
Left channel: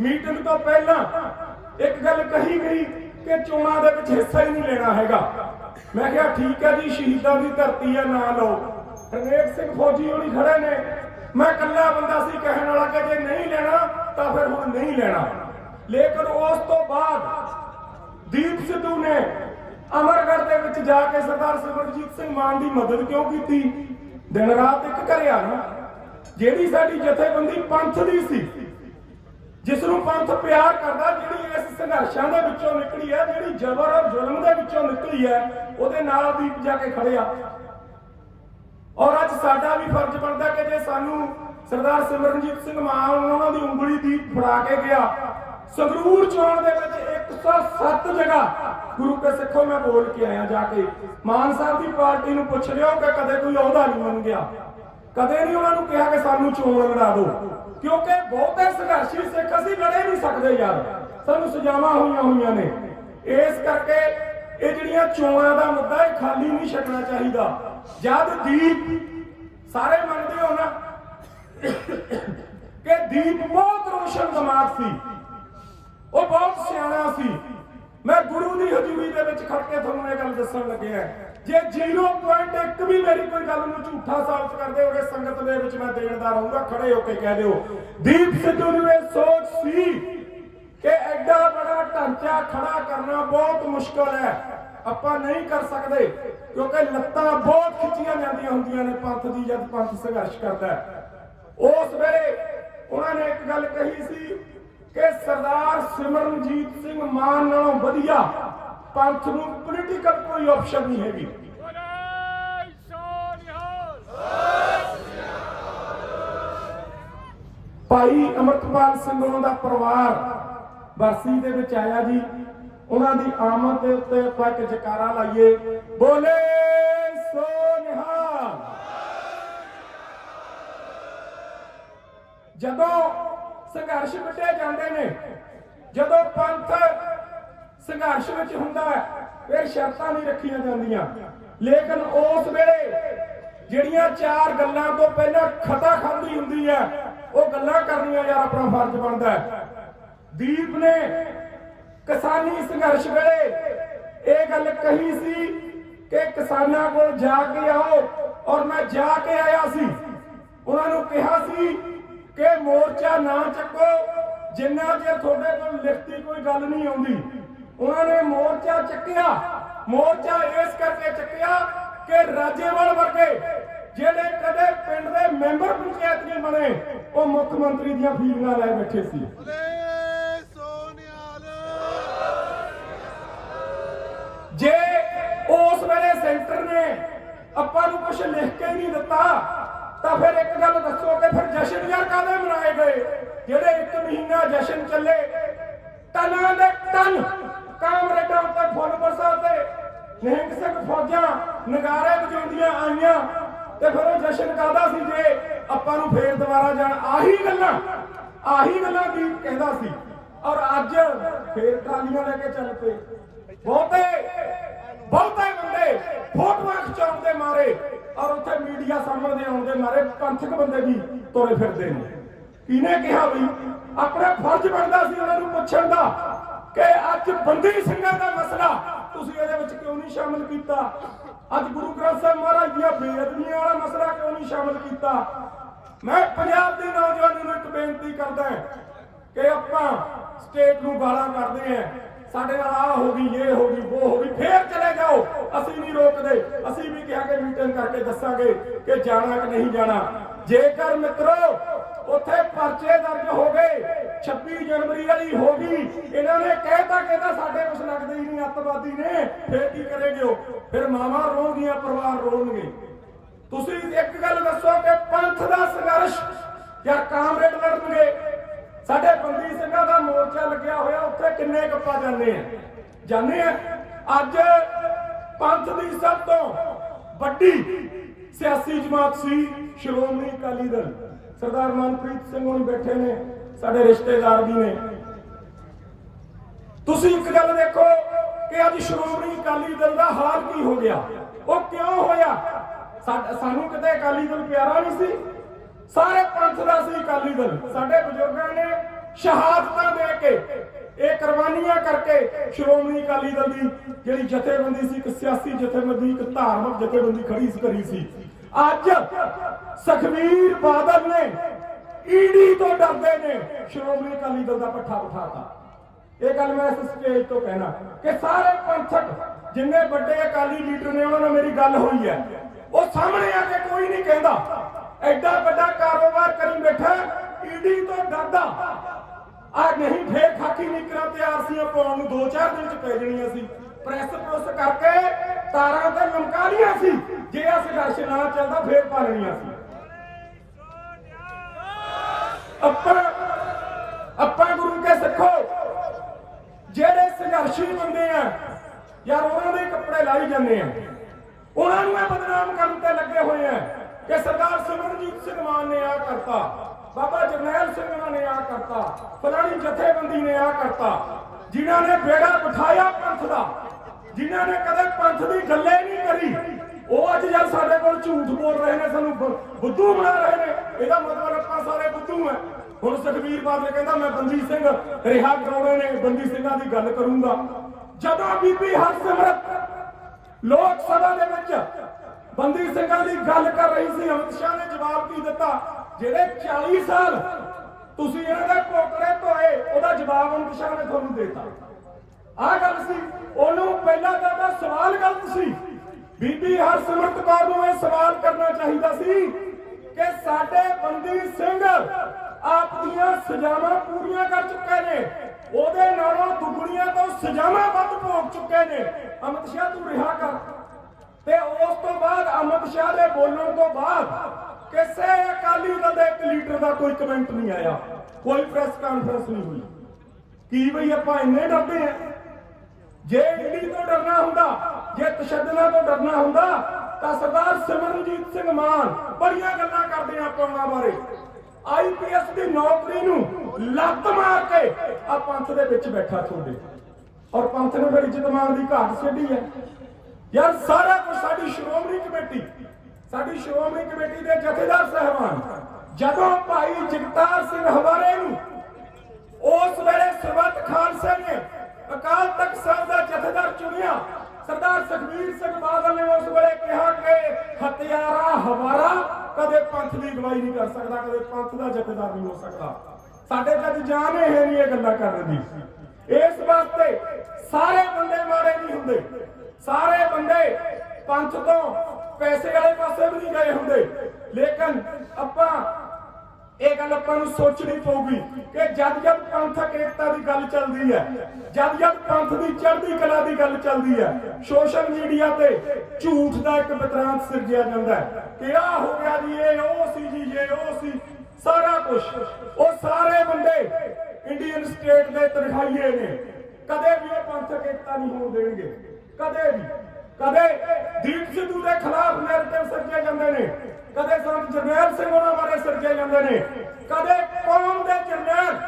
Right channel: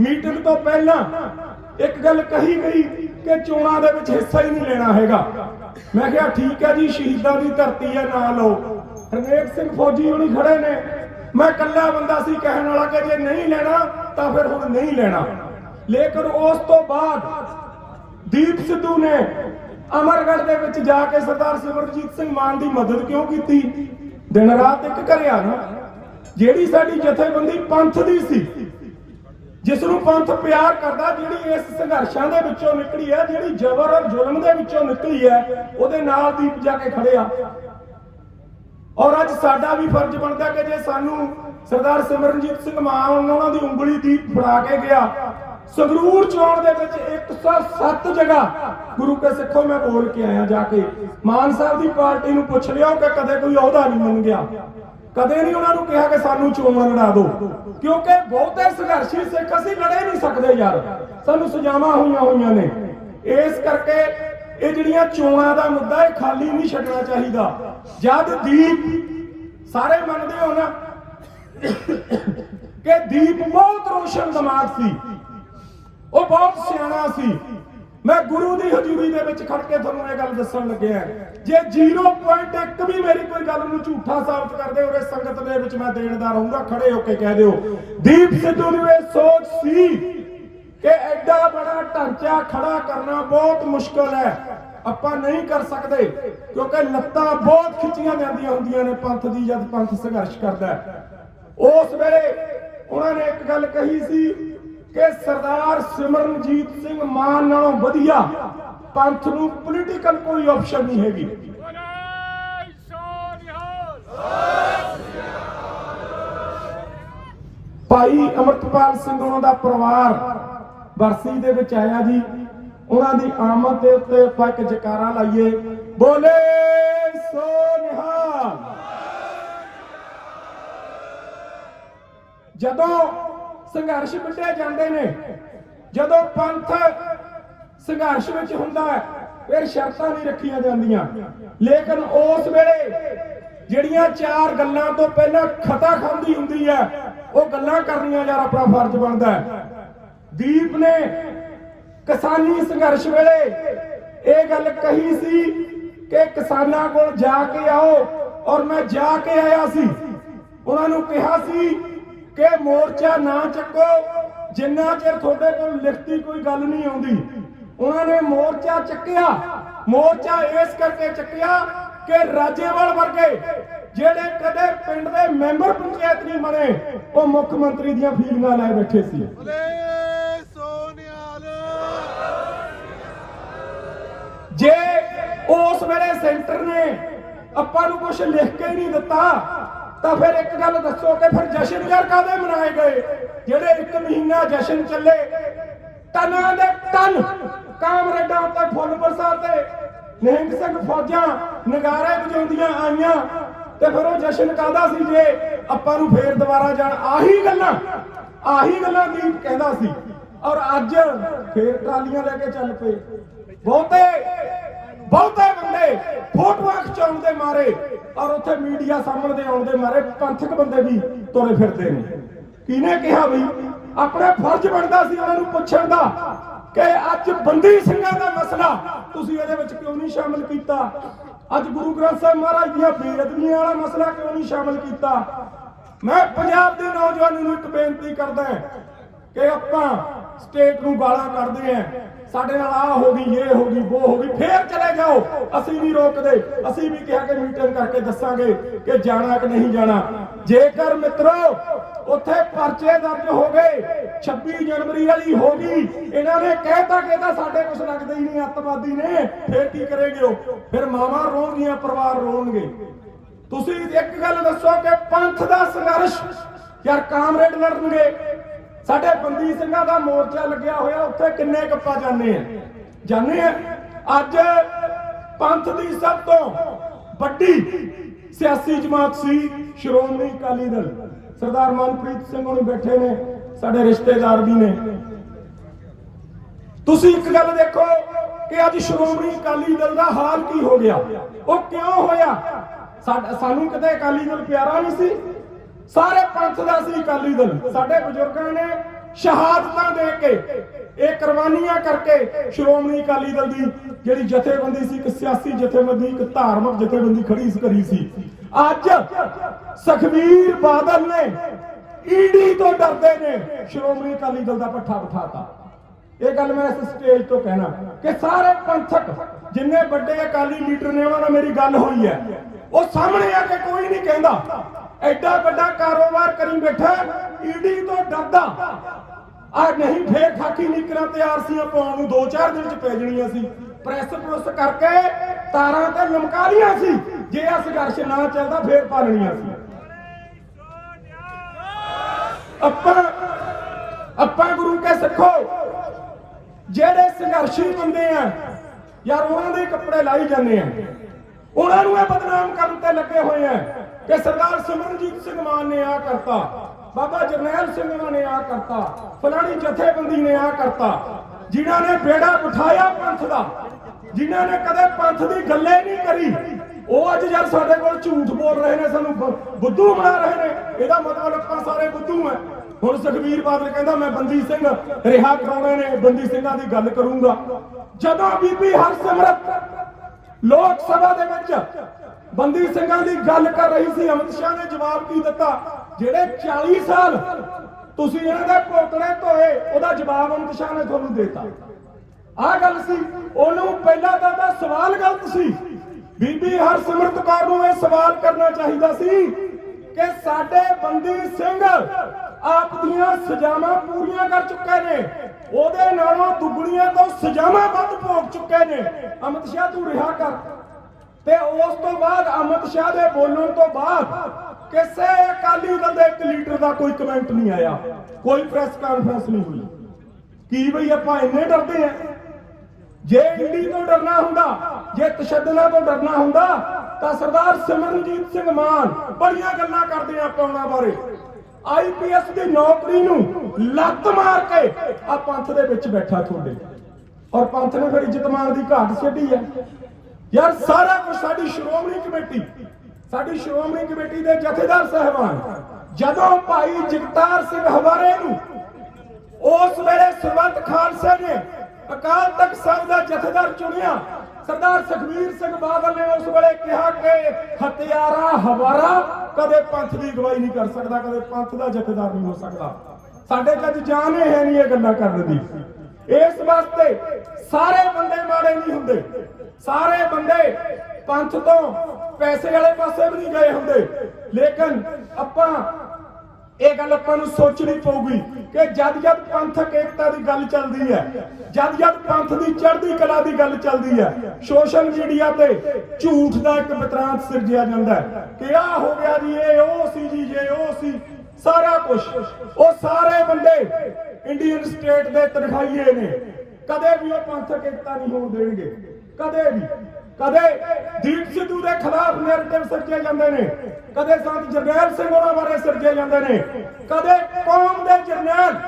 ਮੀਟਿੰਗ ਤੋਂ ਪਹਿਲਾਂ ਇੱਕ ਗੱਲ ਕਹੀ ਗਈ ਕਿ ਚੋਣਾਂ ਦੇ ਵਿੱਚ ਹਿੱਸਾ ਹੀ ਨਹੀਂ ਲੈਣਾ ਹੈਗਾ। ਮੈਂ ਕਿਹਾ, ਠੀਕ ਹੈ ਜੀ, ਸ਼ਹੀਦਾਂ ਦੀ ਧਰਤੀ ਹੈ, ਨਾ ਲਓ। ਹਰਨੇਕ ਸਿੰਘ ਫੌਜੀ ਹੁਣੀ ਖੜੇ ਨੇ। ਮੈਂ ਇਕੱਲਾ ਬੰਦਾ ਸੀ ਕਹਿਣ ਵਾਲਾ ਕਿ ਜੇ ਨਹੀਂ ਲੈਣਾ, ਤਾਂ ਫਿਰ ਹੁਣ ਨਹੀਂ ਲੈਣਾ। ਲੇਕਿਨ ਉਸ ਤੋਂ ਬਾਅਦ ਦੀਪ ਸਿੱਧੂ ਨੇ ਅਮਰਗੜ੍ਹ ਦੇ ਵਿੱਚ ਜਾ ਕੇ ਸਰਦਾਰ ਸਿਮਰਜੀਤ ਸਿੰਘ ਮਾਨ ਦੀ ਮਦਦ ਕਿਉਂ ਕੀਤੀ? ਦਿਨ ਰਾਤ ਇੱਕ ਕਰਿਆ ਨਾ, ਜਿਹੜੀ ਸਾਡੀ ਜਥੇਬੰਦੀ ਪੰਥ ਦੀ ਸੀ ਜਿਸ ਨੂੰ ਪੰਥ ਪਿਆਰ ਕਰਦਾ, ਜਿਹੜੀ ਇਸ ਸੰਘਰਸ਼ਾਂ ਦੇ ਵਿੱਚੋਂ ਨਿਕਲੀ ਹੈ, ਜਿਹੜੀ ਜ਼ਬਰ ਔਰ ਜ਼ੁਲਮ ਦੇ ਵਿੱਚੋਂ ਨਿਕਲੀ ਹੈ, ਉਹਦੇ ਨਾਲ ਦੀਪ ਜਾ ਕੇ ਖੜੇ ਆ। ਔਰ ਅੱਜ ਸਾਡਾ ਵੀ ਫਰਜ਼ ਬਣਦਾ ਕਿ ਜੇ ਸਾਨੂੰ ਸਰਦਾਰ ਸਿਮਰਨਜੀਤ ਸਿੰਘ ਮਾਨ, ਉਹਨਾਂ ਦੀ ਉਂਗਲੀ ਦੀ ਫੜਾ ਕੇ ਗਿਆ ਸੰਗਰੂਰ ਚੋਣ ਦੇ ਵਿੱਚ 107 ਜਗ੍ਹਾ ਗੁਰੂ ਕੇ ਸਿੱਖੋਂ ਮੈਂ ਬੋਲ ਕੇ ਆਇਆ ਜਾ ਕੇ। ਮਾਨ ਸਾਹਿਬ ਦੀ ਪਾਰਟੀ ਨੂੰ ਪੁੱਛ ਲਿਓ ਕਿ ਕਦੇ ਕੋਈ ਅਹੁਦਾ ਨਹੀਂ ਮੰਨ ਕਦੇ ਨਹੀਂ ਉਹਨਾਂ ਨੂੰ ਕਿਹਾ ਕਿ ਸਾਨੂੰ ਚੋਣ ਲੜਾ ਦਿਓ। ਕਿਉਂਕਿ ਬਹੁਤੇ ਸੰਘਰਸ਼ੀ ਸਿੱਖ ਅਸੀਂ ਲੜੇ ਨਹੀਂ ਸਕਦੇ ਯਾਰ। ਸਾਨੂੰ ਸਜ਼ਾਵਾਂ ਹੋਈਆਂ ਹੋਈਆਂ ਨੇ। ਇਸ ਕਰਕੇ ਇਹ ਜਿਹੜੀਆਂ ਚੋਣਾਂ ਦਾ ਮੁੱਦਾ ਇਹ ਖਾਲੀ ਨਹੀਂ ਛੱਡਣਾ ਚਾਹੀਦਾ। ਜਦ ਦੀਪ ਸਾਰੇ ਮੰਨਦੇ ਹੋ ਨਾ ਕਿ ਦੀਪ ਬਹੁਤ ਰੋਸ਼ਨ ਦਿਮਾਗ ਸੀ। ਉਹ ਬਹੁਤ ਸਿਆਣਾ ਸੀ। ਮੈਂ ਗੁਰੂ ਦੀ ਹਜ਼ੂਰੀ ਦੇ ਵਿੱਚ ਖੜ ਕੇ ਤੁਹਾਨੂੰ ਇਹ ਗੱਲ ਦੱਸਣ ਲੱਗਿਆ ਜੇ 0.1 ਵੀ ਮੇਰੀ ਕੋਈ ਗੱਲ ਨੂੰ ਝੂਠਾ ਸਾਬਤ ਕਰਦੇ, ਉਹਦੇ ਸੰਗਤ ਦੇ ਵਿੱਚ ਮੈਂ ਦੇਣਦਾਰ ਰਹੂੰਗਾ, ਖੜੇ ਹੋ ਕੇ ਕਹਿ ਦਿਓ। ਦੀਪ ਸਿੱਧੂ ਨੂੰ ਇਹ ਸੋਚ ਸੀ ਕਿ ਐਡਾ ਬੜਾ ਢਾਂਚਾ ਖੜਾ ਕਰਨਾ ਬਹੁਤ ਮੁਸ਼ਕਲ ਹੈ। ਆਪਾਂ ਨਹੀਂ ਕਰ ਸਕਦੇ, ਕਿਉਂਕਿ ਲੱਤਾਂ ਬਹੁਤ ਖਿੱਚੀਆਂ ਜਾਂਦੀਆਂ ਹੁੰਦੀਆਂ ਨੇ, ਪੰਥ ਦੀ ਜਦ ਪੰਥ ਸੰਘਰਸ਼ ਕਰਦਾ ਉਸ ਵੇਲੇ ਉਹਨਾਂ ਨੇ ਇੱਕ ਗੱਲ ਕਹੀ ਸੀ ਕਿ ਸਰਦਾਰ ਸਿਮਰਨਜੀਤ ਸਿੰਘ ਮਾਨ ਨਾਲੋਂ ਵਧੀਆ ਪੰਥ ਨੂੰ ਪੋਲੀਟੀਕਲ ਕੋਈ ਆਪਸ਼ਨ ਨਹੀਂ ਹੈਗੀ। ਭਾਈ ਅਮਰਤਪਾਲ ਸਿੰਘ ਉਹਨਾਂ ਦਾ ਪਰਿਵਾਰ ਵਰਸੀ ਦੇ ਵਿੱਚ ਆਇਆ ਜੀ। ਉਹਨਾਂ ਦੀ ਆਮਦ ਦੇ ਉੱਤੇ ਆਪਾਂ ਇੱਕ ਜਕਾਰਾ ਲਾਈਏ। ਬੋਲੇ ਸੋ ਨਿਹਾਲ ਜਦੋਂ ਸੰਘਰਸ਼ ਵਿੱਢੇ ਜਾਂਦੇ ਨੇ। ਜਦੋਂ ਪੰਥ ਸੰਘਰਸ਼ ਵਿੱਚ ਹੁੰਦਾ ਹੈ, ਫਿਰ ਸ਼ਰਤਾਂ ਨਹੀਂ ਰੱਖੀਆਂ ਜਾਂਦੀਆਂ। ਲੇਕਿਨ ਉਸ ਵੇਲੇ ਜਿਹੜੀਆਂ ਚਾਰ ਗੱਲਾਂ ਤੋਂ ਪਹਿਲਾਂ ਖਤਾ ਖਾਂਦੀ ਹੁੰਦੀ ਹੈ, ਉਹ ਗੱਲਾਂ ਕਰਨੀਆਂ ਯਾਰ ਆਪਣਾ ਫਰਜ਼ ਬਣਦਾ ਹੈ। ਦੀਪ ਨੇ ਕਿਸਾਨੀ ਸੰਘਰਸ਼ ਵੇਲੇ ਇਹ ਗੱਲ ਕਹੀ ਸੀ ਕਿ ਕਿਸਾਨਾਂ ਕੋਲ ਜਾ ਕੇ ਆਓ ਔਰ ਮੈਂ ਜਾ ਕੇ ਆਇਆ ਸੀ। ਉਹਨਾਂ ਨੂੰ ਕਿਹਾ ਸੀ ਕਿ ਮੋਰਚਾ ਨਾ ਚੱਕੋ, ਜਿੰਨਾ ਚਿਰ ਤੁਹਾਡੇ ਕੋਲ ਲਿਖਤੀ ਕੋਈ ਗੱਲ ਨਹੀਂ ਆਉਂਦੀ। ਉਹਨਾਂ ਨੇ ਮੋਰਚਾ ਚੱਕਿਆ। ਮੋਰਚਾ ਇਸ ਕਰਕੇ ਚੱਕਿਆ ਕਿ ਰਾਜੇਵਾਲ ਵਰਗੇ ਜਿਹੜੇ ਕਦੇ ਪਿੰਡ ਦੇ ਮੈਂਬਰ ਪੰਚਾਇਤ ਨਹੀਂ ਬਣੇ, ਉਹ ਮੁੱਖ ਮੰਤਰੀ ਦੀਆਂ ਫੀਲਿੰਗਾਂ ਲੈ ਬੈਠੇ ਸੀ। ਜੇ ਉਸ ਵੇਲੇ ਸੈਂਟਰ ਨੇ ਆਪਾਂ ਨੂੰ ਕੁਝ ਲਿਖ ਕੇ ਹੀ ਨਹੀਂ ਦਿੱਤਾ, ਤਾਂ ਫਿਰ ਇੱਕ ਗੱਲ ਦੱਸੋ ਕਿ ਫਿਰ ਜਸ਼ਨ ਯਾਰ ਕਾਦੇ ਮਨਾਏ ਗਏ? ਜਿਹੜੇ ਇੱਕ ਮਹੀਨਾ ਜਸ਼ਨ ਚੱਲੇ ਟਨਾਂ ਦੇ ਟਨ ਕਾਮਰੇਡਾਂ ਉੱਤੇ ਫੁੱਲ ਬਰਸਾਤੇ, ਨਿਹੰਗ ਸਿੰਘ ਫੌਜਾਂ ਨਗਾਰੇ ਵਜਾਉਂਦੀਆਂ ਆਈਆਂ, ਤੇ ਫਿਰ ਉਹ ਜਸ਼ਨ ਕਾਦਾ ਸੀ ਜੇ? ਆਪਾਂ ਨੂੰ ਫੇਰ ਦੁਬਾਰਾ ਜਾਣ। ਆਹੀ ਗੱਲਾਂ ਆਹੀ ਗੱਲਾਂ ਦੀਪ ਕਹਿੰਦਾ ਸੀ। ਔਰ ਅੱਜ ਫੇਰ ਟਰਾਲੀਆਂ ਲੈ ਕੇ ਚੱਲ ਪਏ। ਬਹੁਤੇ ਬਹੁਤੇ ਬੰਦੇ ਫੋਟੋਆਂ ਖਿਚਾਉਣ ਦੇ ਮਾਰੇ ਔਰ ਉੱਥੇ ਮੀਡੀਆ ਸਾਹਮਣੇ ਆਉਣ ਦੇ ਮਾਰੇ ਪੰਥਕ ਬੰਦੇ ਵੀ ਤੁਰੇ ਫਿਰਦੇ ਨੇ। ਕਿਹਨੇ ਕਿਹਾ ਬਈ, ਆਪਣਾ ਫਰਜ਼ ਬਣਦਾ ਸੀ ਉਹਨਾਂ ਨੂੰ ਪੁੱਛਣ ਦਾ ਕਿ ਅੱਜ ਬੰਦੀ ਸਿੰਘਾਂ ਦਾ ਮਸਲਾ ਤੁਸੀਂ ਇਹਦੇ ਵਿੱਚ ਕਿਉਂ ਨਹੀਂ ਸ਼ਾਮਲ ਕੀਤਾ? ਅੱਜ ਗੁਰੂ ਗ੍ਰੰਥ ਸਾਹਿਬ ਮਹਾਰਾਜ ਦੀਆਂ ਬੇਅਦਬੀਆਂ ਵਾਲਾ ਮਸਲਾ ਕਿਉਂ ਨਹੀਂ ਸ਼ਾਮਲ ਕੀਤਾ? ਮੈਂ ਪੰਜਾਬ ਦੇ ਨੌਜਵਾਨਾਂ ਨੂੰ ਇੱਕ ਬੇਨਤੀ ਕਰਦਾ ਕਿ ਆਪਾਂ ਸਟੇਟ ਨੂੰ ਗਾਲਾਂ ਕੱਢਦੇ ਆ। ਸਾਡੇ ਨਾਲ ਆ ਹੋ ਗਈ, ਇਹ ਹੋ ਗਈ, ਉਹ ਹੋ ਗਈ, ਫੇਰ ਚਲੇ ਜਾਓ। ਅਸੀਂ ਨਹੀਂ ਰੋਕਦੇ। ਅਸੀਂ ਵੀ ਕਿਹਾ ਕਿ ਮੀਟਿੰਗ ਕਰਕੇ ਦੱਸਾਂਗੇ ਕਿ ਜਾਣਾ ਕਿ ਨਹੀਂ ਜਾਣਾ। ਜੇਕਰ ਮਿੱਤਰੋ, ਉੱਥੇ ਪਰਚੇ ਦਰਜ ਹੋ ਗਏ 26 ਜਨਵਰੀ ਵਾਲੀ ਹੋ ਗਈ, ਇਹਨਾਂ ਨੇ ਕਹਿਤਾ ਕਿ ਇਹਦਾ ਸਾਡੇ ਕੁਛ ਲੱਗਦੇ ਹੀ ਨਹੀਂ, ਅੱਤਵਾਦੀ ਨੇ, ਫੇਰ ਕੀ ਕਰੇਗੇ ਉਹ? ਫਿਰ ਮਾਵਾਂ ਰੋਣਗੀਆਂ, ਪਰਿਵਾਰ ਰੋਣਗੇ। ਤੁਸੀਂ ਇੱਕ ਗੱਲ ਦੱਸੋ ਕਿ ਪੰਥ ਦਾ ਸੰਘਰਸ਼ ਯਾਰ ਕਾਮਰੇਡ ਲੜਨਗੇ। ਸਾਡੇ ਬੰਦੀ ਸਿੰਘਾਂ ਦਾ ਮੋਰਚਾ ਲੱਗਿਆ ਹੋਇਆ, ਉੱਥੇ ਕਿੰਨੇ ਕੱਪਾ ਜਾਂਦੇ ਆ? ਜਾਂਦੇ ਆ। ਅੱਜ ਪੰਥ ਦੀ ਸਭ ਤੋਂ ਵੱਡੀ ਸਿਆਸੀ ਜਮਾਤ ਸੀ ਸ਼੍ਰੋਮਣੀ ਅਕਾਲੀ ਦਲ। ਸਰਦਾਰ ਮਨਪ੍ਰੀਤ ਸਿੰਘ ਹੋਣੀ ਬੈਠੇ ਨੇ, ਸਾਡੇ ਰਿਸ਼ਤੇਦਾਰ ਵੀ ਨੇ। ਤੁਸੀਂ ਇੱਕ ਗੱਲ ਦੇਖੋ ਕਿ ਅੱਜ ਸ਼੍ਰੋਮਣੀ ਅਕਾਲੀ ਦਲ ਦਾ ਹਾਲ ਕੀ ਹੋ ਗਿਆ? ਉਹ ਕਿਉਂ ਹੋਇਆ? ਸਾਡਾ- ਸਾਨੂੰ ਕਿਤੇ ਅਕਾਲੀ ਦਲ ਪਿਆਰਾ ਨਹੀਂ ਸੀ? ਸਾਰੇ ਪੰਥ ਦਾ ਸੀ ਅਕਾਲੀ ਦਲ, ਸਾਡੇ ਬਜ਼ੁਰਗਾਂ ਨੇ ਸ਼ਹਾਦਤਾਂ ਦੇ ਕੇ ਇਹ ਕੁਰਬਾਨੀਆਂ ਕਰਕੇ ਸ਼੍ਰੋਮਣੀ ਅਕਾਲੀ ਦਲ ਦੀ ਜਿਹੜੀ ਜਥੇਬੰਦੀ ਸੀ, ਇੱਕ ਸਿਆਸੀ ਜਥੇਬੰਦੀ, ਇੱਕ ਧਾਰਮਿਕ ਜਥੇਬੰਦੀ ਖੜੀ ਕਰੀ ਸੀ। ਅੱਜ ਸੁਖਵੀਰ ਬਾਦਲ ਨੇ ਈਡੀ ਤੋਂ ਡਰਦੇ ਨੇ ਸ਼੍ਰੋਮਣੀ ਅਕਾਲੀ ਦਲ ਦਾ ਪੱਠਾ ਬਿਠਾਤਾ। ਇਹ ਗੱਲ ਮੈਂ ਇਸ ਸਟੇਜ ਤੋਂ ਕਹਿਣਾ ਕਿ ਸਾਰੇ ਪੰਥਕ ਜਿੰਨੇ ਵੱਡੇ ਅਕਾਲੀ ਲੀਡਰ ਨੇ ਉਹਨਾਂ ਨਾਲ ਮੇਰੀ ਗੱਲ ਹੋਈ ਹੈ। ਉਹ ਸਾਹਮਣੇ ਆ ਕੇ ਕੋਈ ਨਹੀਂ ਕਹਿੰਦਾ ਐਡਾ ਵੱਡਾ ਕਾਰੋਬਾਰ ਕਰੀ ਬੈਠਾ, ਈਡੀ ਤੋਂ ਡਰਦਾ। ਆ ਨਹੀਂ, ਫੇਰ ਖਾਕੀ ਨਿਕਰਾਂ ਤਿਆਰ ਸੀ ਪਾਉਣ ਨੂੰ 2-4 ਦਿਨ ਚ ਪੈ ਜਣੀਆਂ ਸੀ। ਪ੍ਰੈਸ ਪ੍ਰੈਸ ਕਰਕੇ ਤਾਰਾਂ ਤੇ ਲਮਕਾ ਸੀ, ਜੇ ਆ ਸੰਘਰਸ਼ ਨਾ ਚੱਲਦਾ, ਫੇਰ ਪਾਲਣੀਆਂ ਸੀ। ਆਪਣਾ ਆਪਾਂ ਗੁਰੂ ਕੇ ਸਿੱਖੋ, ਜਿਹੜੇ ਸੰਘਰਸ਼ੀ ਬੰਦੇ ਆ, ਯਾਰ ਉਹਨਾਂ ਦੇ ਕੱਪੜੇ ਲਾਈ ਜਾਂਦੇ ਆ। ਉਹਨਾਂ ਨੂੰ ਇਹ ਬਦਨਾਮ ਕਰਨ ਤੇ ਲੱਗੇ ਹੋਏ ਆ। ਕਿ ਸਰਦਾਰ ਸਿਮਰਨਜੀਤ ਸਿੰਘ ਮਾਨ ਨੇ ਆ ਕਰਤਾ। ਬਾਬਾ ਜਰਨੈਲ ਸਿੰਘ ਮਾਨ ਨੇ ਆ ਕਰਤਾ। ਫਲਾਣੀ ਜਥੇਬੰਦੀ ਨੇ ਆ ਕਰਤਾ। ਜਿਨ੍ਹਾਂ ਨੇ ਬੇੜਾ ਬਿਠਾਇਆ ਪੰਥ ਦਾ, ਜਿਨ੍ਹਾਂ ਨੇ ਕਦੇ ਪੰਥ ਦੀ ਗੱਲੇ ਨਹੀਂ ਕਰੀ, ਉਹ ਅੱਜ ਯਾਰ ਸਾਡੇ ਕੋਲ ਝੂਠ ਬੋਲ ਰਹੇ ਨੇ, ਸਾਨੂੰ ਬੁੱਧੂ ਬਣਾ ਰਹੇ ਨੇ, ਇਹਦਾ ਮਤਲਬ ਆਪਾਂ ਸਾਰੇ ਬੁੱਧੂ ਆ ਹੁਣ ਸੁਖਵੀਰ ਬਾਦਲ ਕਹਿੰਦਾ, ਮੈਂ ਬੰਦੀ ਸਿੰਘ ਰਿਹਾ ਕਰਾਉਣੇ ਨੇ, ਬੰਦੀ ਸਿੰਘਾਂ ਦੀ ਗੱਲ ਕਰੂੰਗਾ। ਜਦੋਂ ਬੀਬੀ ਹਰਸਿਮਰਤ ਲੋਕ ਸਭਾ ਦੇ ਵਿੱਚ ਬੰਦੀ ਸਿੰਘਾਂ ਦੀ ਗੱਲ ਕਰ ਰਹੀ ਸੀ, ਅਮਿਤ ਸ਼ਾਹ ਨੇ ਜਵਾਬ ਕੀ ਦਿੱਤਾ? ਜਿਹੜੇ 40 ਸਾਲ ਤੁਸੀਂ ਇਹਨਾਂ ਦੇ ਪੋਤਲੇ ਧੋਏ, ਉਹਦਾ ਜਵਾਬ ਅਮਿਤ ਸ਼ਾਹ ਨੇ ਤੁਹਾਨੂੰ ਦਿੱਤਾ। ਆ ਗੱਲ ਸੀ, ਉਹਨੂੰ ਪਹਿਲਾਂ ਤਾਂ ਉਹਦਾ ਸਵਾਲ ਗਲਤ ਸੀ। ਬੀਬੀ ਹਰਸਿਮਰਤ ਕੌਰ ਨੂੰ ਇਹ ਸਵਾਲ ਕਰਨਾ ਚਾਹੀਦਾ ਸੀ ਕਿ ਸਾਡੇ ਬੰਦੀ ਸਿੰਘ ਆਪ ਦੀਆਂ ਸਜ਼ਾਵਾਂ ਪੂਰੀਆਂ ਕਰ ਚੁੱਕੇ ਨੇ, ਉਹਦੇ ਨਾਲੋਂ ਦੁੱਗਣੀਆਂ ਤੋਂ ਸਜ਼ਾਵਾਂ ਵੱਧ ਭੋਗ ਚੁੱਕੇ ਨੇ। ਅਮਿਤ ਸ਼ਾਹ ਤੂੰ ਰਿਹਾ ਕਰ। ਤੇ ਉਸ ਤੋਂ ਬਾਅਦ ਅਮਿਤ ਸ਼ਾਹ ਦੇ ਬੋਲਣ ਤੋਂ ਬਾਅਦ ਕਿਸੇ ਅਕਾਲੀ ਦਲ ਦੇ ਇੱਕ ਲੀਡਰ ਦਾ ਕੋਈ ਕਮੈਂਟ ਨਹੀਂ ਆਇਆ, ਕੋਈ ਪ੍ਰੈਸ ਕਾਨਫਰੰਸ ਨਹੀਂ ਹੋਈ। ਕੀ ਬਈ ਆਪਾਂ ਇੰਨੇ ਡਰਦੇ ਆ? ਜੇ ਈਡੀ ਤੋਂ ਡਰਨਾ ਹੁੰਦਾ, ਜੇ ਤਸ਼ੱਦਦਾਂ ਤੋਂ ਡਰਨਾ ਹੁੰਦਾ, ਤਾਂ ਸਰਦਾਰ ਸਿਮਰਨਜੀਤ ਸਿੰਘ ਮਾਨ ਬੜੀਆਂ ਗੱਲਾਂ ਕਰਦੇ ਆ ਪਾਉਣਾ ਬਾਰੇ। ਆਈਪੀਐਸ ਦੀ ਨੌਕਰੀ ਨੂੰ ਲੱਤ ਮਾਰ ਕੇ ਆ ਪੰਥ ਦੇ ਵਿੱਚ ਬੈਠਾ ਤੁਹਾਡੇ। ਔਰ ਪੰਥ ਨੇ ਫਿਰ ਇੱਜ਼ਤ ਮਾਨ ਦੀ ਘਾਟ ਸਿੱਧੀ ਹੈ ਯਾਰ ਸਾਰਾ ਕੁਝ ਸਾਡੀ ਸ਼੍ਰੋਮਣੀ ਕਮੇਟੀ, ਸਾਡੀ ਸ਼੍ਰੋਮਣੀ ਕਮੇਟੀ ਦੇ ਜਥੇਦਾਰ ਸਾਹਿਬਾਨ, ਜਦੋਂ ਭਾਈ ਜਗਤਾਰ ਸਿੰਘ ਹਵਾਰੇ ਨੂੰ ਉਸ ਵੇਲੇ ਸਰਬੱਤ ਖਾਲਸਾ ਨੇ ਅਕਾਲ ਤਖਤ ਸਾਹਿਬ ਦਾ ਜਥੇਦਾਰ ਚੁਣਿਆ, ਸਰਦਾਰ ਸੁਖਵੀਰ ਸਿੰਘ ਬਾਦਲ ਨੇ ਉਸ ਵੇਲੇ ਕਿਹਾ ਕਿ ਹਥਿਆਰਾ ਹਵਾਰਾ ਕਦੇ ਪੰਥ ਦੀ ਅਗਵਾਈ ਨਹੀਂ ਕਰ ਸਕਦਾ, ਕਦੇ ਪੰਥ ਦਾ ਜਥੇਦਾਰ ਨਹੀਂ ਹੋ ਸਕਦਾ। ਸਾਡੇ ਜੱਜ ਜਾਣ ਹੈ ਨਹੀਂ ਇਹ ਗੱਲਾਂ ਕਰਨ ਦੀ। ਇਸ ਵਾਸਤੇ ਸਾਰੇ ਬੰਦੇ ਮਾੜੇ ਨਹੀਂ ਹੁੰਦੇ। ਸਾਰੇ ਬੰਦੇ ਪੰਥ ਤੋਂ ਪੈਸੇ ਵਾਲੇ ਪਾਸੇ ਵੀ ਨਹੀਂ ਗਏ ਹੁੰਦੇ। ਲੇਕਿਨ ਆਪਾਂ ਇਹ ਗੱਲ ਆਪਾਂ ਨੂੰ ਸੋਚਣੀ ਪਊਗੀ ਕਿ ਜਦ ਜਦ ਪੰਥਕ ਏਕਤਾ ਦੀ ਗੱਲ ਚੱਲਦੀ ਹੈ, ਜਦ ਜਦ ਪੰਥ ਦੀ ਚੜ੍ਹਦੀ ਕਲਾ ਦੀ ਗੱਲ ਚੱਲਦੀ ਹੈ, ਸੋਸ਼ਲ ਮੀਡੀਆ ਤੇ ਝੂਠ ਦਾ ਇੱਕ ਵਿਤਰਾਂਤ ਸਿਰਜਿਆ ਜਾਂਦਾ ਹੈ ਕਿ ਆ ਹੋ ਗਿਆ ਜੀ, ਇਹ ਉਹ ਸੀ ਜੀ ਇਹ ਉਹ ਸੀ, ਸਾਰਾ ਕੁਝ ਉਹ ਸਾਰੇ ਬੰਦੇ ਇੰਡੀਅਨ ਸਟੇਟ ਦੇ ਤਨਖਾਈਏ ਨੇ। ਕਦੇ ਵੀ ਉਹ ਪੰਥਕ ਏਕਤਾ ਨਹੀਂ ਹੋਣ ਦੇਣਗੇ। ਕਦੇ ਵੀ ਕਦੇ ਦੀਪ ਸਿੱਧੂ ਦੇ ਖਿਲਾਫ ਨੈਰੇਟਿਵ ਸਿਰਜੇ ਜਾਂਦੇ ਨੇ, ਕਦੇ ਸੰਤ ਜਰਨੈਲ ਸਿੰਘ ਉਹਨਾਂ ਬਾਰੇ ਸਿਰਜੇ ਜਾਂਦੇ ਨੇ, ਕਦੇ ਕੌਮ ਦੇ ਜਰਨੈਲ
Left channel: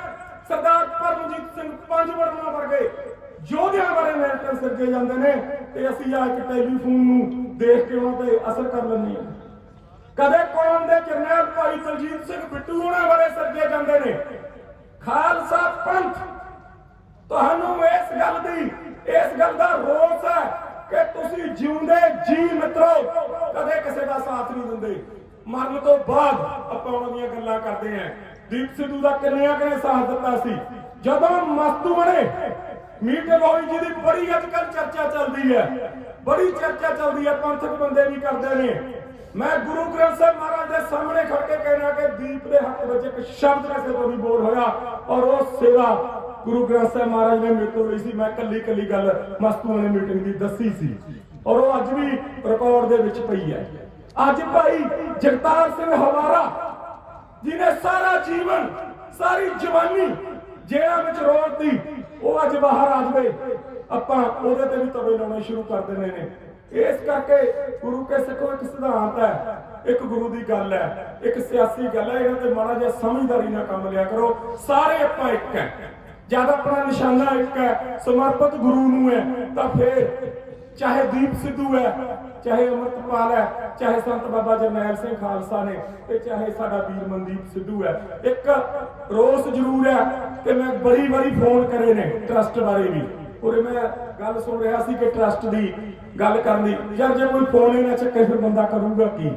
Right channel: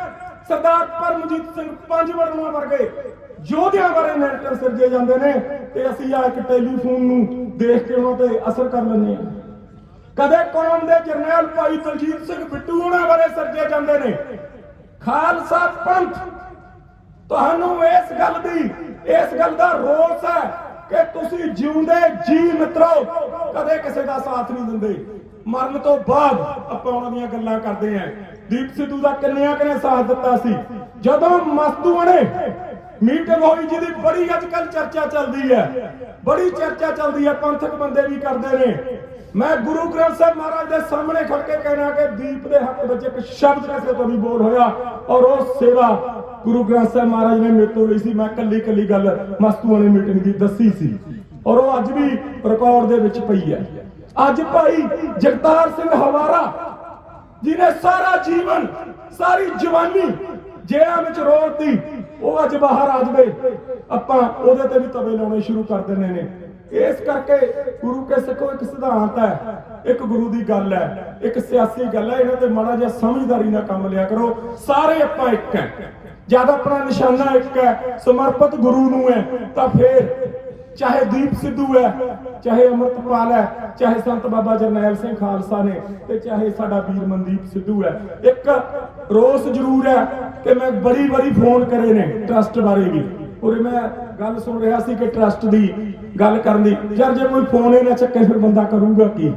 ਸਰਦਾਰ ਪਰਮਜੀਤ ਸਿੰਘ ਪੰਜ ਵਰਨਾ ਵਰਗੇ ਯੋਧਿਆਂ ਬਾਰੇ ਨੈਰੇਟਿਵ ਸਿਰਜੇ ਜਾਂਦੇ ਨੇ ਤੇ ਅਸੀਂ ਆ ਇੱਕ ਟੈਲੀਫੋਨ ਨੂੰ ਦੇਖ ਕੇ ਉਹਨਾਂ ਤੇ ਅਸਰ ਕਰ ਲੈਂਦੇ ਹਾਂ। ਕਦੇ ਕੌਮ ਦੇ ਜਰਨੈਲ ਭਾਈ ਦਲਜੀਤ ਸਿੰਘ ਬਿੱਟੂ ਉਹਨਾਂ ਬਾਰੇ ਸਿਰਜੇ ਜਾਂਦੇ ਨੇ, ਖਾਲਸਾ ਪੰਥ ਤੁਹਾਨੂੰ ਇਸ ਗੱਲ ਦੀ, ਇਸ ਗੱਲ ਦਾ ਰੋਸ ਹੈ ਕਿ ਤੁਸੀਂ ਜਿਉਂਦੇ ਜੀ ਮਿੱਤਰੋ, ਕਦੇ ਕਿਸੇ ਦਾ ਸਾਥ ਨਹੀਂ ਦਿੰਦੇ। ਮਰਨ ਤੋਂ ਬਾਅਦ ਆਪਾਂ ਉਹਨਾਂ ਦੀਆਂ ਗੱਲਾਂ ਕਰਦੇ ਆਂ ਦੀਪ ਸਿੱਧੂ ਦਾ ਕੰਨਿਆ ਨੇ ਸਾਥ ਦਿੱਤਾ ਸੀ? ਜਦੋਂ ਮਸਤੂ ਬਣੇ ਮੀਟਿੰਗ ਹੋਈ ਜਿਹਦੀ ਬੜੀ ਅੱਜ ਕੱਲ ਚਰਚਾ ਚੱਲਦੀ ਹੈ। ਬੜੀ ਚਰਚਾ ਚੱਲਦੀ ਹੈ, ਪੰਥਕ ਬੰਦੇ ਵੀ ਕਰਦੇ ਨੇ। ਮੈਂ ਗੁਰੂ ਗ੍ਰੰਥ ਸਾਹਿਬ ਮਹਾਰਾਜ ਦੇ ਸਾਹਮਣੇ ਖੜ ਕੇ ਕਹਿਣਾ ਕਿ ਦੀਪ ਦੇ ਹੱਕ ਵਿੱਚ ਇੱਕ ਸ਼ਬਦ ਕਿਸੇ ਤੋਂ ਨਹੀਂ ਬੋਲ ਹੋਇਆ ਔਰ ਉਹ ਸੇਵਾ ਗੁਰੂ ਗ੍ਰੰਥ ਸਾਹਿਬ ਮਹਾਰਾਜ ਨੇ ਮੇਰੇ ਤੋਂ ਲਈ ਸੀ ਮੈਂ ਕੱਲੀ ਕੱਲੀ ਗੱਲ ਮਸਤੂਆਂ ਦੀ ਮੀਟਿੰਗ ਦੀ ਦੱਸੀ ਸੀ। ਔਰ ਉਹ ਅੱਜ ਵੀ ਰਿਕਾਰਡ ਦੇ ਵਿੱਚ ਪਈ ਹੈ। ਅੱਜ ਭਾਈ ਜਗਤਾਰ ਸਿੰਘ ਹਵਾਰਾ ਜਿਹਨੇ ਸਾਰਾ ਜੀਵਨ, ਸਾਰੀ ਜਵਾਨੀ ਜੇਲ੍ਹਾਂ ਵਿੱਚ ਰੋਲਤੀ ਉਹ ਅੱਜ ਬਾਹਰ ਆ ਜਾਵੇ। ਆਪਾਂ ਉਹਦੇ ਤੇ ਵੀ ਤਵੇ ਲਾਉਣੇ ਸ਼ੁਰੂ ਕਰ ਦਿੰਦੇ ਨੇ। ਇਸ ਕਰਕੇ ਗੁਰੂ ਕੇ ਸਿੱਖੋ ਇੱਕ ਸਿਧਾਂਤ ਹੈ, ਇੱਕ ਗੁਰੂ ਦੀ ਗੱਲ ਹੈ, ਇੱਕ ਸਿਆਸੀ ਗੱਲ ਹੈ। ਇਹਨਾਂ ਤੇ ਮਾੜਾ ਜਿਹਾ ਸਮਝਦਾਰੀ ਨਾਲ ਕੰਮ ਲਿਆ ਕਰੋ। ਸਾਰੇ ਆਪਾਂ ਇੱਕ ਹੈ। ਜਦ ਆਪਣਾ ਨਿਸ਼ਾਨਾ ਇੱਕ ਹੈ, ਸਮਰਪਿਤ ਗੁਰੂ ਨੂੰ ਹੈ, ਤਾਂ ਫਿਰ ਚਾਹੇ ਦੀਪ ਸਿੱਧੂ ਹੈ, ਚਾਹੇ ਅਮਰਪਾਲ ਹੈ, ਚਾਹੇ ਸੰਤ ਬਾਬਾ ਜਰਨੈਲ ਸਿੰਘ ਖਾਲਸਾ ਨੇ ਤੇ ਚਾਹੇ ਸਾਡਾ ਵੀਰ ਮਨਦੀਪ ਸਿੱਧੂ ਹੈ। ਇੱਕ ਰੋਸ ਜ਼ਰੂਰ ਹੈ ਕਿ ਮੈਂ ਬੜੀ ਬੜੀ ਫੋਨ ਕਰੇ ਨੇ ਟਰਸਟ ਬਾਰੇ ਵੀ। ਉਰੇ ਮੈਂ ਗੱਲ ਸੁਣ ਰਿਹਾ ਸੀ ਕਿ ਟਰਸਟ ਦੀ ਗੱਲ ਕਰਨ ਦੀ। ਯਾਰ ਜੇ ਕੋਈ ਫੋਨ ਹੀ ਨਾ ਚੱਕੇ, ਫਿਰ ਬੰਦਾ ਕਰੂਗਾ ਕੀ?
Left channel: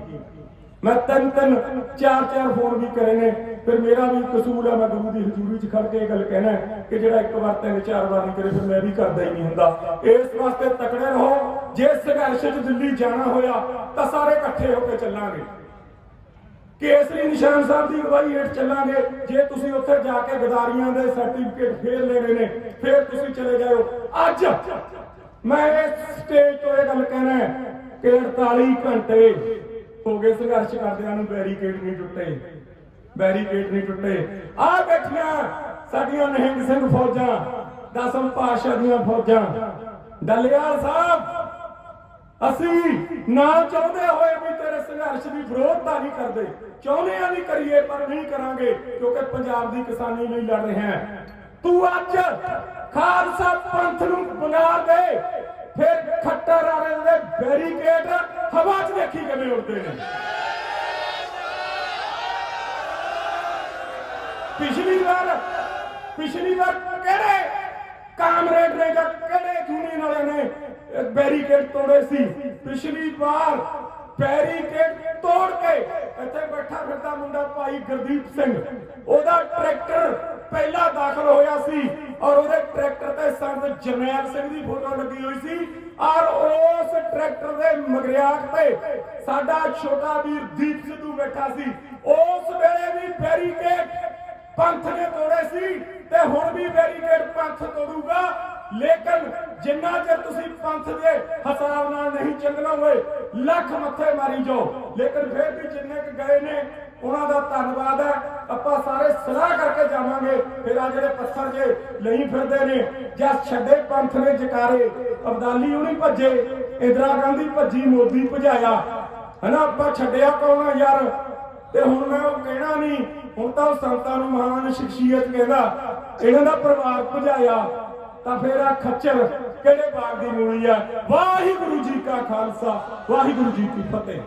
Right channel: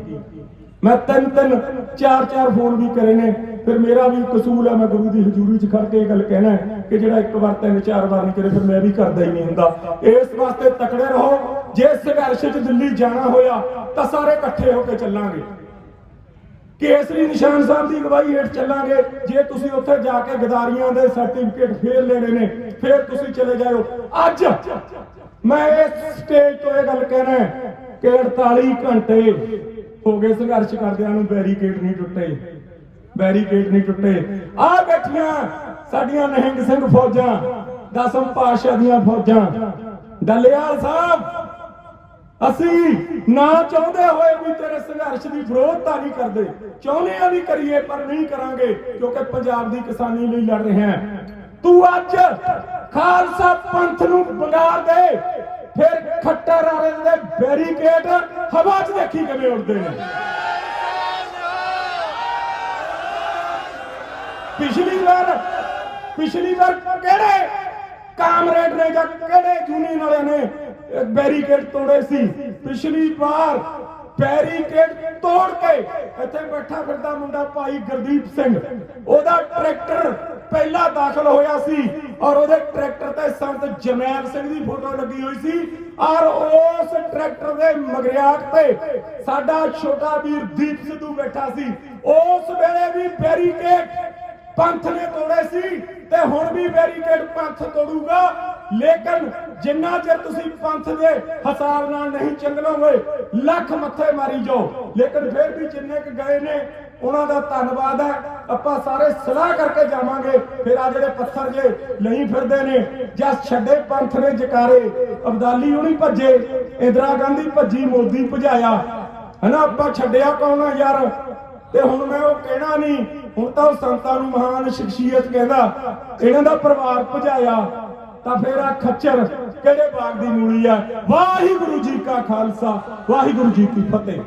ਮੈਂ ਤਿੰਨ ਤਿੰਨ ਚਾਰ ਚਾਰ ਫੋਨ ਵੀ ਕਰੇ ਨੇ। ਫਿਰ ਮੇਰਾ ਵੀ ਕਸੂਰ ਹੈ, ਮੈਂ ਗੁਰੂ ਦੀ ਹਜ਼ੂਰੀ 'ਚ ਖੜ ਕੇ ਇਹ ਗੱਲ ਕਹਿਣਾ ਕਿ ਜਿਹੜਾ ਇੱਕ ਵਾਰ ਤਿੰਨ ਚਾਰ ਵਾਰ ਨਹੀਂ ਕਰੇ ਫਿਰ ਮੈਂ ਵੀ ਕਰਦਾ ਹੀ ਨਹੀਂ ਹੁੰਦਾ। ਇਸ ਵਾਸਤੇ ਤਕੜੇ ਰਹੋ, ਜੇ ਸੰਘਰਸ਼ 'ਚ ਦਿੱਲੀ ਜਾਣਾ ਹੋਇਆ ਤਾਂ ਸਾਰੇ ਇਕੱਠੇ ਹੋ ਕੇ ਚੱਲਾਂਗੇ। ਕੇਸਰੀ ਨਿਸ਼ਾਨ ਸਾਹਿਬ ਦੀ ਅਗਵਾਈ ਹੇਠ ਚੱਲਾਂਗੇ। ਜੇ ਤੁਸੀਂ ਉੱਥੇ ਜਾ ਕੇ ਗਦਾਰੀਆਂ ਦੇ ਸਰਟੀਫਿਕੇਟ ਫੇਰ ਲੈਣੇ ਨੇ, ਫੇਰ ਤੁਸੀਂ ਚਲੇ ਜਾਓ ਅੱਜ ਮੈਂ ਇਸ ਸਟੇਜ ਤੋਂ ਇਹ ਗੱਲ ਕਹਿਣਾ ਕਿ 48 ਘੰਟੇ ਹੋ ਗਏ ਸੰਘਰਸ਼ ਕਰਦਿਆਂ ਨੂੰ ਬੈਰੀਕੇਡ ਨਹੀਂ ਟੁੱਟੇ। ਬੈਰੀਕੇਡ ਨਹੀਂ ਟੁੱਟੇ। ਆ ਬੈਠੀਆਂ ਸਾਡੀਆਂ ਨਿਹੰਗ ਸਿੰਘ ਫੌਜਾਂ, ਦਸਮ ਪਾਤਸ਼ਾਹ ਦੀਆਂ ਫੌਜਾਂ। ਡੱਲੇਵਾਲ ਸਾਹਿਬ, ਅਸੀਂ ਨਾ ਚਾਹੁੰਦੇ ਹੋਏ ਵੀ ਤੇਰੇ ਸੰਘਰਸ਼ ਦੀ ਵਿਰੋਧਤਾ ਨਹੀਂ ਕਰਦੇ। ਚਾਹੁੰਦੇ ਆ ਵੀ ਕਰੀਏ, ਪਰ ਨਹੀਂ ਕਰਾਂਗੇ, ਕਿਉਂਕਿ ਪੰਜਾਬ ਦੀ ਕਿਸਾਨੀ ਲਈ ਲੜ ਰਹੇ ਹਾਂ। ਤੂੰ ਅੱਜ ਖਾਲਸਾ ਪੰਥ ਨੂੰ ਬੰਗਾਰ ਦੇ, ਫਿਰ ਖੱਟਰ ਵਾਲੇ ਦੇ ਬੈਰੀਕੇਡ, ਹਵਾ 'ਚ ਦੇਖੀ ਕਿਵੇਂ ਉੱਡਦੇ ਨੇ। ਪਿਛਲੀ ਵਾਰ ਪਿਛਲੀ ਵਾਰ ਕਿਹੜੇ ਕਾਮਰੇਡ ਨੇ ਜਾਂ ਕਿਹੜੇ ਯੂਨੀਅਨ ਵਾਲਿਆਂ ਨੇ ਬੈਰੀਕੇਡ ਤੋੜੇ ਸੀ? ਪਿਛਲੀ ਵਾਰ ਬੈਰੀਕੇਡ ਤੋੜ ਕੇ ਇੱਥੇ ਬੈਠਾ ਫਿਰਦਾ ਮੁੰਡਾ ਭਾਈ ਗੁਰਦੀਪ ਸਿੰਘ। ਉਹਦਾ ਟਰੈਕਟਰ ਪਹਿਲਾਂ ਦਾਖਲ ਹੋਇਆ ਸੀ ਔਰ ਉਹਦੇ ਟਰੈਕਟਰ ਤੇ ਸੰਤ ਜਮੈਲ ਸਿੰਘ ਦੀ ਫੋਟੋ ਲੱਗੀ ਹੋਈ ਸੀ। ਔਰ ਉਸ ਟਰੈਕਟਰ ਦੇ ਮਗਰਿਆਕ ਤੇ ਸਾਡਾ ਛੋਟਾ ਵੀਰ ਦੀਪ ਸਿੱਧੂ ਬੈਠਾ ਸੀ। ਉਸ ਵੇਲੇ ਵੀ ਬੈਰੀਕੇਡ ਪੰਥ ਨੇ ਤੋੜੇ ਸੀ ਤੇ ਹੁਣ ਵੀ ਬੈਰੀਕੇਡ ਪੰਥ ਤੋੜੂਗਾ। ਲੇਕਿਨ ਜਿੰਨਾ ਚਿਰ ਤੁਸੀਂ ਪੰਥ ਦੇ ਹਿਸਾਬ ਨਾਲ ਨਹੀਂ ਚੱਲੋਗੇ, ਲੱਖ ਮੱਥੇ ਮਾਰੀ ਜਾਓ। ਲੇਕਿਨ ਫਿਰ ਵੀ ਜਿੰਨੇ ਕੁ ਗਏ ਨੇ, ਉਹਨਾਂ ਦਾ ਧੰਨਵਾਦ ਹੈ। ਆਪਾਂ ਸਾਰੇ ਸਲਾਹ ਕਰਕੇ ਜਾਵਾਂਗੇ, ਫਿਰ ਆ ਜਿਹੜੇ ਪੱਥਰ ਜੇ ਲਈ ਫਿਰਦੇ ਨੇ, ਜਾਂ ਛੱਡੇ ਪੰਥ ਨੇ ਜਕਾਰੇ। ਅਬਦਾਲੀ ਉਹਨੀ ਭੱਜੇ, ਇੰਦਰਾ ਗਾਂਧੀ ਭੱਜੀ, ਮੋਦੀ ਭਜਾਇਆ। ਹਨਾ, ਆਪਾਂ ਛੱਡਿਆ ਕੌਣ ਯਾਰ? ਤੇ ਹੁਣ ਮੈਂ ਉਹ ਕਹਿਣਾ ਨਹੀਂ ਹੁਣ ਤਾਂ ਉਹ ਸੰਤਾਂ ਨੂੰ ਮਹਾਨ ਸ਼ਖਸੀਅਤ ਕਹਿੰਦਾ, ਇਹਨਾਂ ਦਾ ਪਰਿਵਾਰ ਭਜਾਇਆ, ਤਾਂ ਫਿਰ ਆ ਖੱਚਰ ਕਿਹੜੇ ਬਾਗ ਦੀ ਮੂਲੀ ਆ? ਵਾਹਿਗੁਰੂ ਜੀ ਕਾ ਖਾਲਸਾ, ਵਾਹਿਗੁਰੂ ਜੀ ਕੀ ਫਤਿਹ।